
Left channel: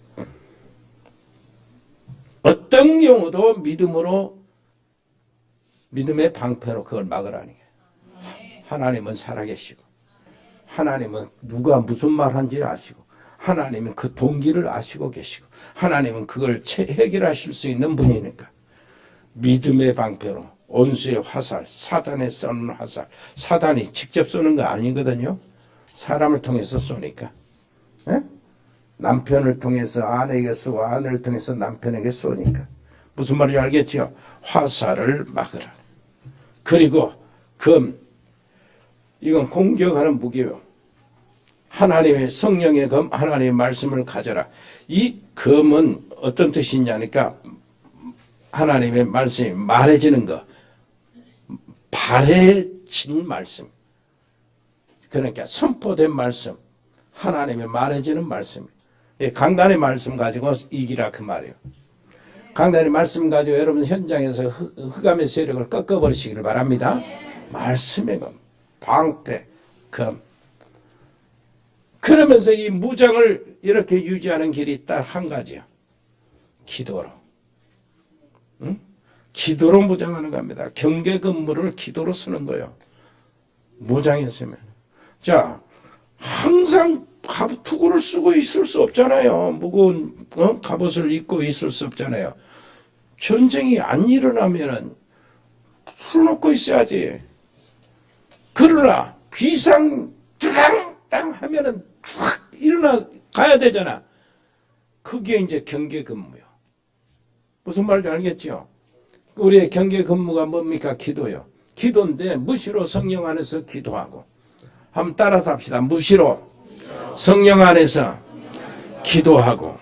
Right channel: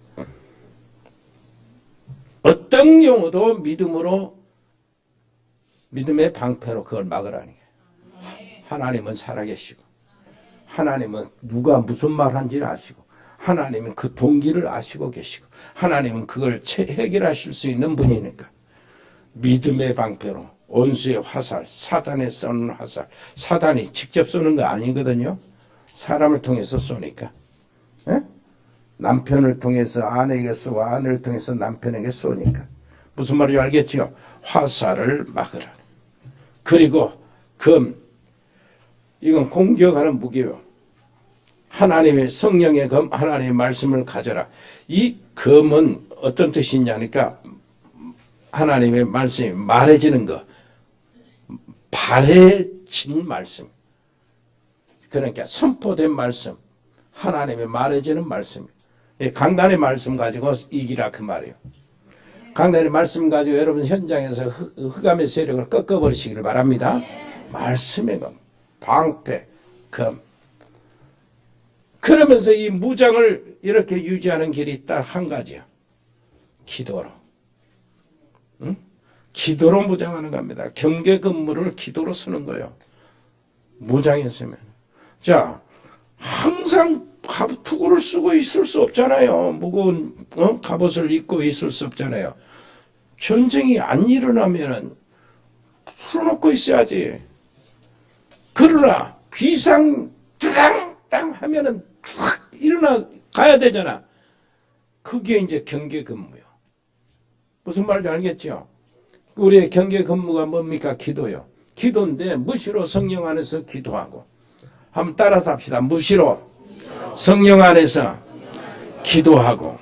어떤 경우도 믿음의 방패로 그걸 막으라니. 하나님은 살아계시고, 하나님은 누가 무슨 말 한지를 아시고, 하나님은 그 동기를 아시고 계시고, 하나님은 그걸 해결하실 수 있는 분이니까. 믿음의 방패로 원수의 화살, 사단의 쏘는 화살, 사단이 직접 쏘는 거 아니거든요. 사람을 통해서 쏘니까. 에? 남편을 통해서 아내에게 쏘고, 아내를 통해서 남편에게 쏘니까. 무슨 말인지 알겠죠? 화살을 막으라. 그리고 이건 공격하는 무기요. 하나님의 성령의 검, 하나님의 말씀을 가져라. 이 검은 어떤 뜻이냐니까, 하나님의 말씀이 말해지는 거, 발해진 말씀, 그러니까 선포된 말씀, 하나님의 말해지는 말씀, 강단의 말씀 가지고 이기라 그 말이에요. 강단의 말씀 가지고 여러분 현장에서 흑암의 세력을 꺾어버리시기를 바랍니다. 말씀의 검, 방패, 검. 그러면서 이 무장을 이렇게 유지하는 길이 딱 한 가지요. 기도로. 응? 기도로 무장하는 겁니다. 경계 근무를 기도로 쓰는 거예요. 무장했으면. 자, 항상 투구를 쓰고 있을 수 없잖아요. 무거운 갑옷을 입고 있을 수 없잖아요. 전쟁이 안 일어나면은 풀어놓고 있어야지. 그러나 비상 땅 하면은 탁 일어나 가야 되잖아. 그게 이제 경계 근무요. 무슨 말인지 알겠죠? 우리의 경계 근무가 뭡니까? 기도요. 기도인데 무시로 성령 안에서 기도하고. 한번 따라서 합시다. 무시로 성령 안에서 기도하고.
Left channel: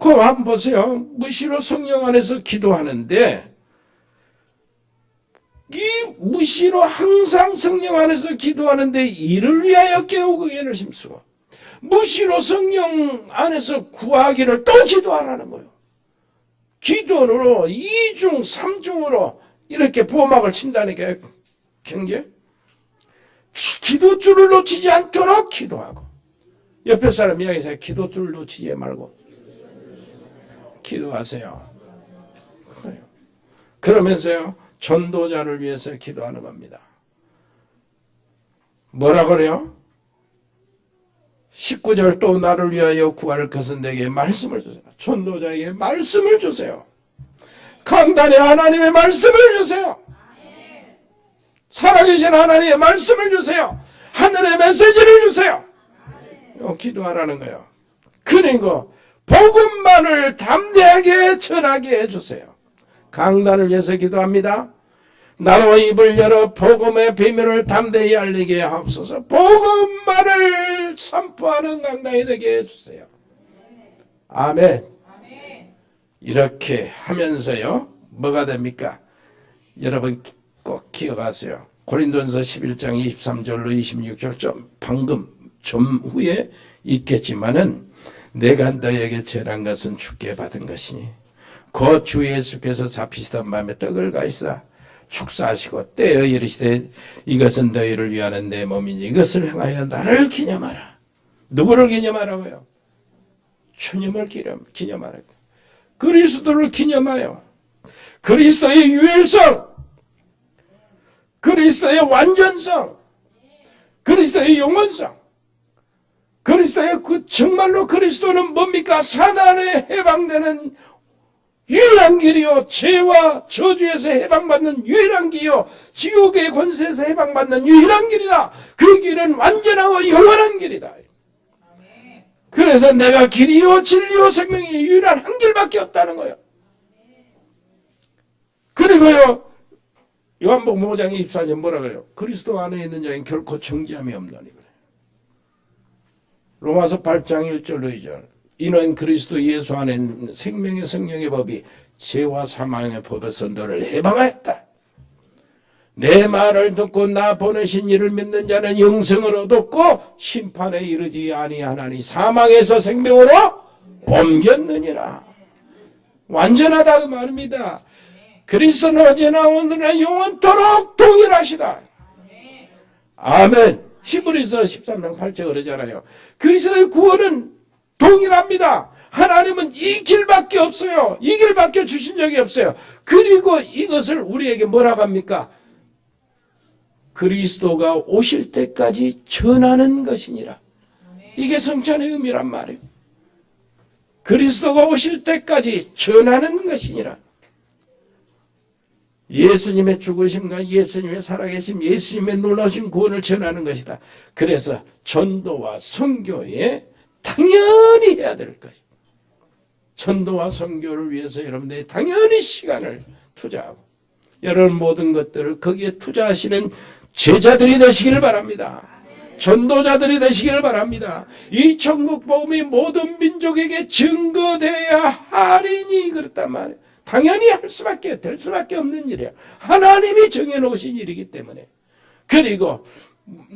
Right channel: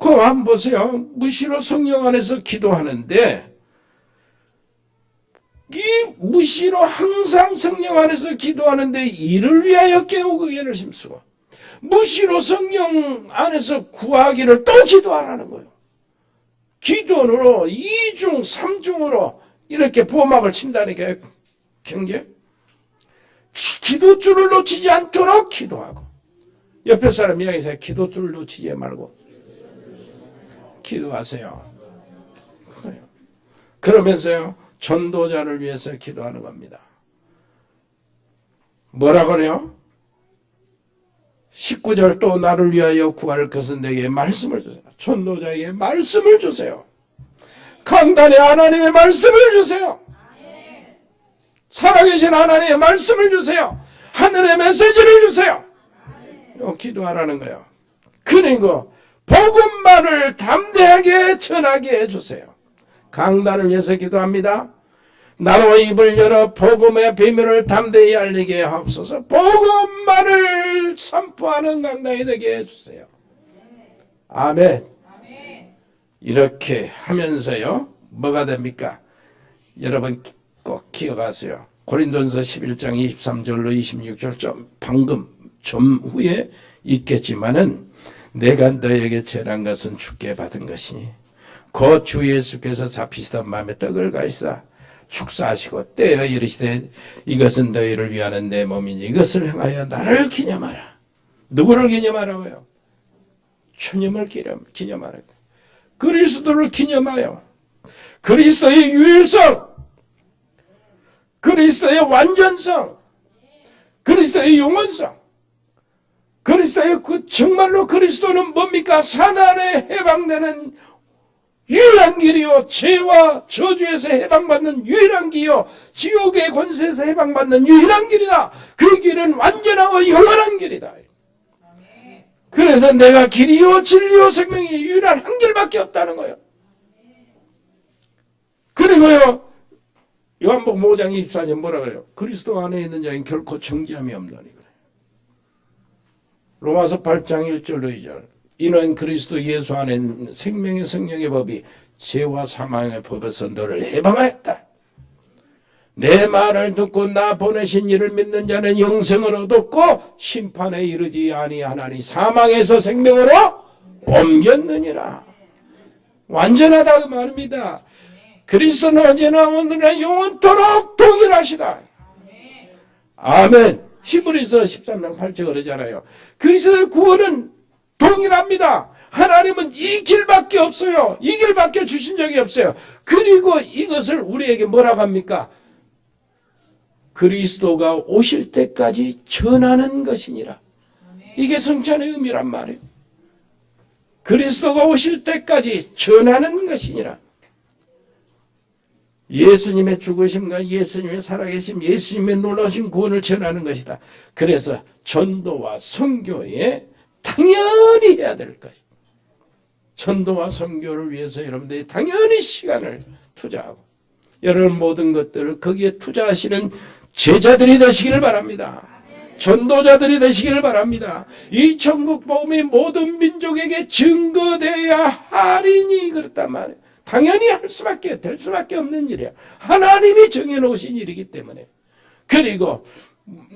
그럼 한번 보세요. 무시로 성령 안에서 기도하는데, 이 무시로 항상 성령 안에서 기도하는데 이를 위하여 깨우고 얘를 힘쓰고, 무시로 성령 안에서 구하기를 또 기도하라는 거예요. 기도로 2중 3중으로 이렇게 보막을 친다니까. 경계 기도줄을 놓치지 않도록 기도하고, 옆에 사람 이야기하세요. 기도 줄 놓치지 말고 기도하세요. 그래요. 그러면서요, 전도자를 위해서 기도하는 겁니다. 뭐라 그래요? 19절, 또 나를 위하여 구할 것은 내게 말씀을 주세요. 전도자에게 말씀을 주세요. 강단에 하나님의 말씀을 주세요. 살아계신 하나님의 말씀을 주세요. 하늘의 메시지를 주세요. 기도하라는 거예요. 그리고 복음만을 담대하게 전하게 해주세요. 강단을 위해서 기도합니다. 나로 입을 열어 복음의 비밀을 담대히 알리게 하옵소서. 복음만을 선포하는 강단이 되게 해주세요. 아멘. 이렇게 하면서요, 뭐가 됩니까? 여러분 꼭 기억하세요. 고린도전서 11장 23절로 26절 좀 후에 있겠지만은, 내가 너에게 전한 것은 주께 받은 것이니 곧 주 예수께서 잡히시던 밤에 떡을 가시사 축사하시고 떼어 이르시되 이것은 너희를 위하는 내 몸이니 이것을 행하여 나를 기념하라. 누구를 기념하라고요? 주님을 기념하라고. 그리스도를 기념하여 그리스도의 유일성, 그리스도의 완전성, 그리스도의 영원성, 그리스도의 정말로 그리스도는 뭡니까? 사단에 해방되는 유일한 길이요, 죄와 저주에서 해방받는 유일한 길이요, 지옥의 권세에서 해방받는 유일한 길이다. 그 길은 완전하고 영원한 길이다. 그래서 내가 길이요 진리요 생명이 유일한 한 길밖에 없다는 거예요. 그리고요, 요한복음 5장 24절 뭐라 그래요? 그리스도 안에 있는 자는 결코 정죄함이 없나니 그래요. 로마서 8장 1절로 2절, 이는 그리스도 예수 안에 생명의 성령의 법이 죄와 사망의 법에서 너를 해방하였다. 내 말을 듣고 나 보내신 이를 믿는 자는 영생을 얻었고 심판에 이르지 아니하나니 사망에서 생명으로 옮겼느니라. 완전하다 그 말입니다. 그리스도는 어제나 오늘나 영원토록 동일하시다. 아멘. 히브리서 13장 8절 그러잖아요. 그리스도의 구원은 동일합니다. 하나님은 이 길밖에 없어요. 이 길밖에 주신 적이 없어요. 그리고 이것을 우리에게 뭐라고 합니까? 그리스도가 오실 때까지 전하는 것이니라. 이게 성찬의 의미란 말이에요. 그리스도가 오실 때까지 전하는 것이니라. 예수님의 죽으심과 예수님의 살아계심, 예수님의 놀라우신 구원을 전하는 것이다. 그래서 전도와 선교에 당연히 해야 될 것이에요. 전도와 선교를 위해서 여러분들이 당연히 시간을 투자하고 여러분 모든 것들을 거기에 투자하시는 제자들이 되시기를 바랍니다. 전도자들이 되시기를 바랍니다. 이 천국 복음이 모든 민족에게 증거돼야 하리니 그랬단 말이에요. 당연히 될 수밖에 없는 일이에요. 하나님이 정해놓으신 일이기 때문에. 그리고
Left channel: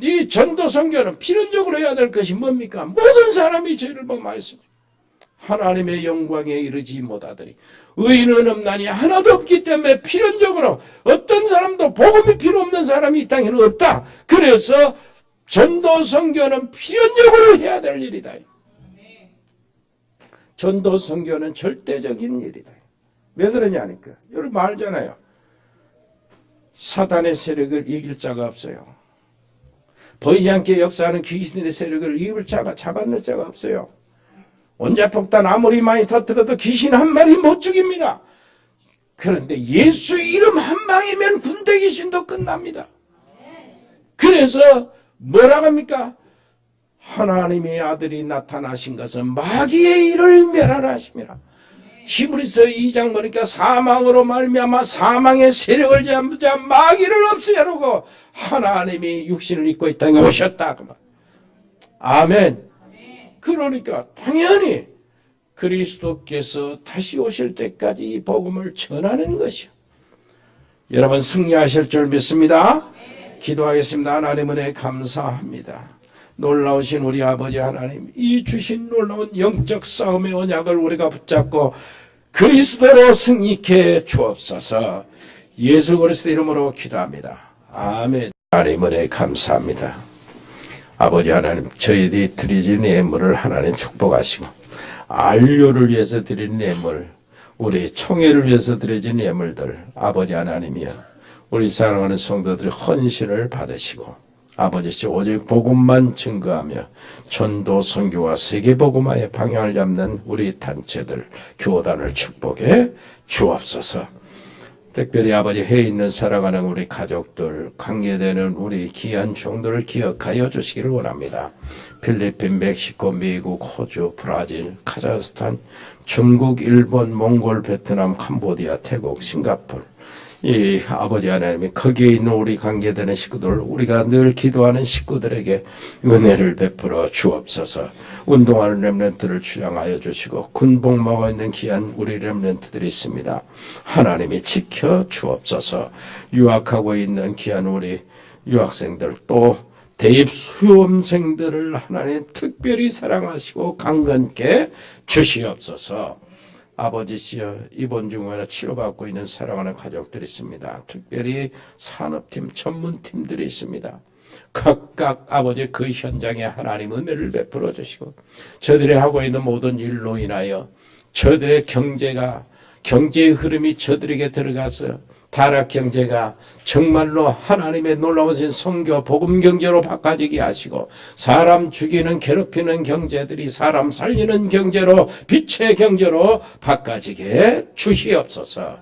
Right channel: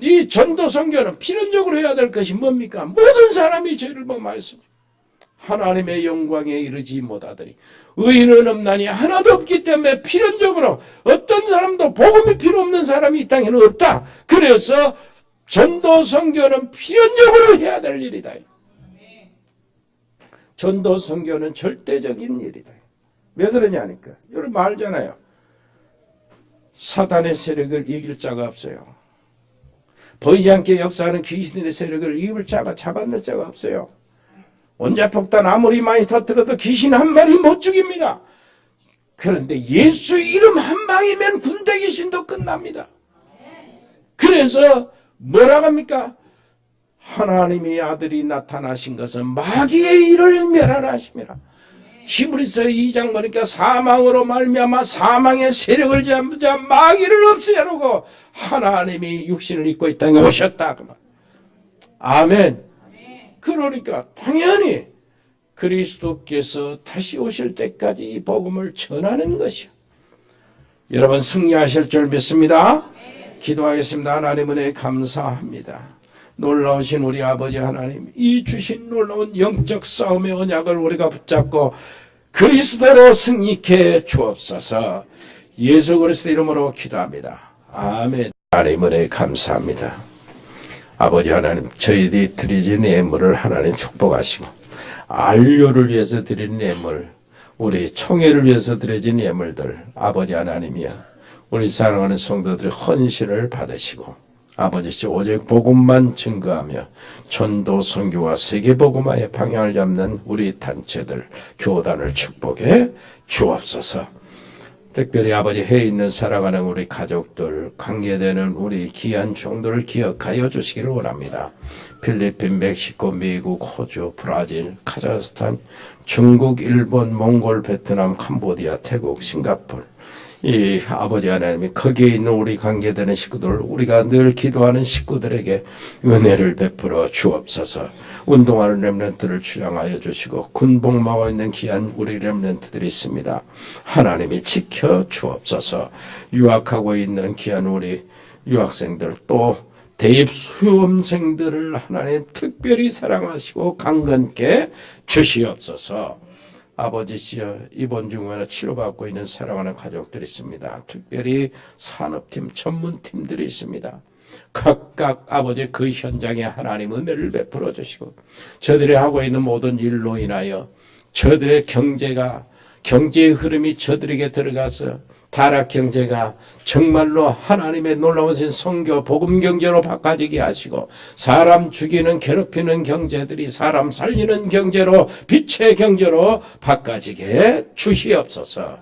이 전도 선교는 필연적으로 해야 될 것이 뭡니까? 모든 사람이 죄를 범하였습니다. 하나님의 영광에 이르지 못하더니 의인은 없나니 하나도 없기 때문에 필연적으로 어떤 사람도 복음이 필요 없는 사람이 이 땅에는 없다. 그래서 전도 선교는 필연적으로 해야 될 일이다. 전도 선교는 절대적인 일이다. 왜 그러냐니까. 여러분 알잖아요. 사단의 세력을 이길 자가 없어요. 보이지 않게 역사하는 귀신의 세력을 이길 자가 잡아낼 자가 없어요. 원자폭탄 아무리 많이 터뜨려도 귀신 한 마리 못 죽입니다. 그런데 예수 이름 한 방이면 군대 귀신도 끝납니다. 그래서 뭐라고 합니까? 하나님의 아들이 나타나신 것은 마귀의 일을 멸하심이라. 히브리서 2장 보니까 사망으로 말미암아 사망의 세력을 잡자 마귀를 없애려고 하나님이 육신을 입고 이 땅에 오셨다. 아멘. 그러니까 당연히 그리스도께서 다시 오실 때까지 이 복음을 전하는 것이요. 여러분 승리하실 줄 믿습니다. 기도하겠습니다. 하나님 은혜 감사합니다. 놀라우신 우리 아버지 하나님, 이 주신 놀라운 영적 싸움의 언약을 우리가 붙잡고 그리스도로 승리케 주옵소서. 예수 그리스도 이름으로 기도합니다. 아멘. 하나님 은혜 감사합니다. 아버지 하나님, 저희들이 드리는 예물을 하나님 축복하시고, 안료를 위해서 드리는 예물, 우리 총회를 위해서 드려진 예물들, 아버지 하나님이여, 우리 사랑하는 성도들의 헌신을 받으시고, 아버지 오직 복음만 증거하며 전도 선교와 세계 복음화의 방향을 잡는 우리 단체들, 교단을 축복해 주옵소서. 특별히 아버지 해에 있는 살아가는 우리 가족들, 관계되는 우리 귀한 종들을 기억하여 주시기를 원합니다. 필리핀, 멕시코, 미국, 호주, 브라질, 카자흐스탄, 중국, 일본, 몽골, 베트남, 캄보디아, 태국, 싱가포르, 이 아버지 하나님이 거기에 있는 우리 관계되는 식구들, 우리가 늘 기도하는 식구들에게 은혜를 베풀어 주옵소서. 운동하는 렘넌트를 주장하여 주시고 군복무하고 있는 귀한 우리 렘넌트들이 있습니다. 하나님이 지켜 주옵소서. 유학하고 있는 귀한 우리 유학생들, 또 대입 수험생들을 하나님 특별히 사랑하시고 강건케 주시옵소서. 아버지시여, 이번 중간에 치료받고 있는 사랑하는 가족들이 있습니다. 특별히 산업팀, 전문팀들이 있습니다. 각각 아버지 그 현장에 하나님 은혜를 베풀어 주시고, 저들이 하고 있는 모든 일로 인하여 저들의 경제의 흐름이 저들에게 들어가서 타락 경제가 정말로 하나님의 놀라우신 선교 복음 경제로 바꿔지게 하시고, 사람 죽이는 괴롭히는 경제들이 사람 살리는 경제로, 빛의 경제로 바꿔지게 주시옵소서.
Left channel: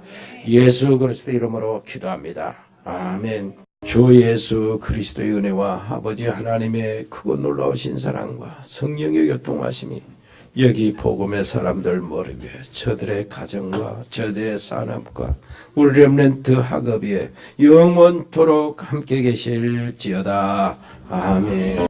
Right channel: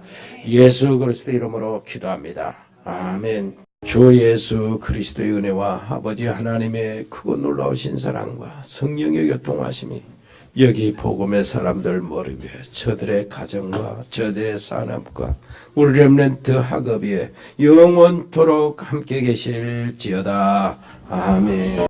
예수 그리스도 이름으로 기도합니다. 아멘. 주 예수 그리스도의 은혜와 아버지 하나님의 크고 놀라우신 사랑과 성령의 교통하심이 여기 복음의 사람들 머리 위에, 저들의 가정과 저들의 산업과 우리 렘넌트 학업 위에 영원토록 함께 계실지어다. 아멘.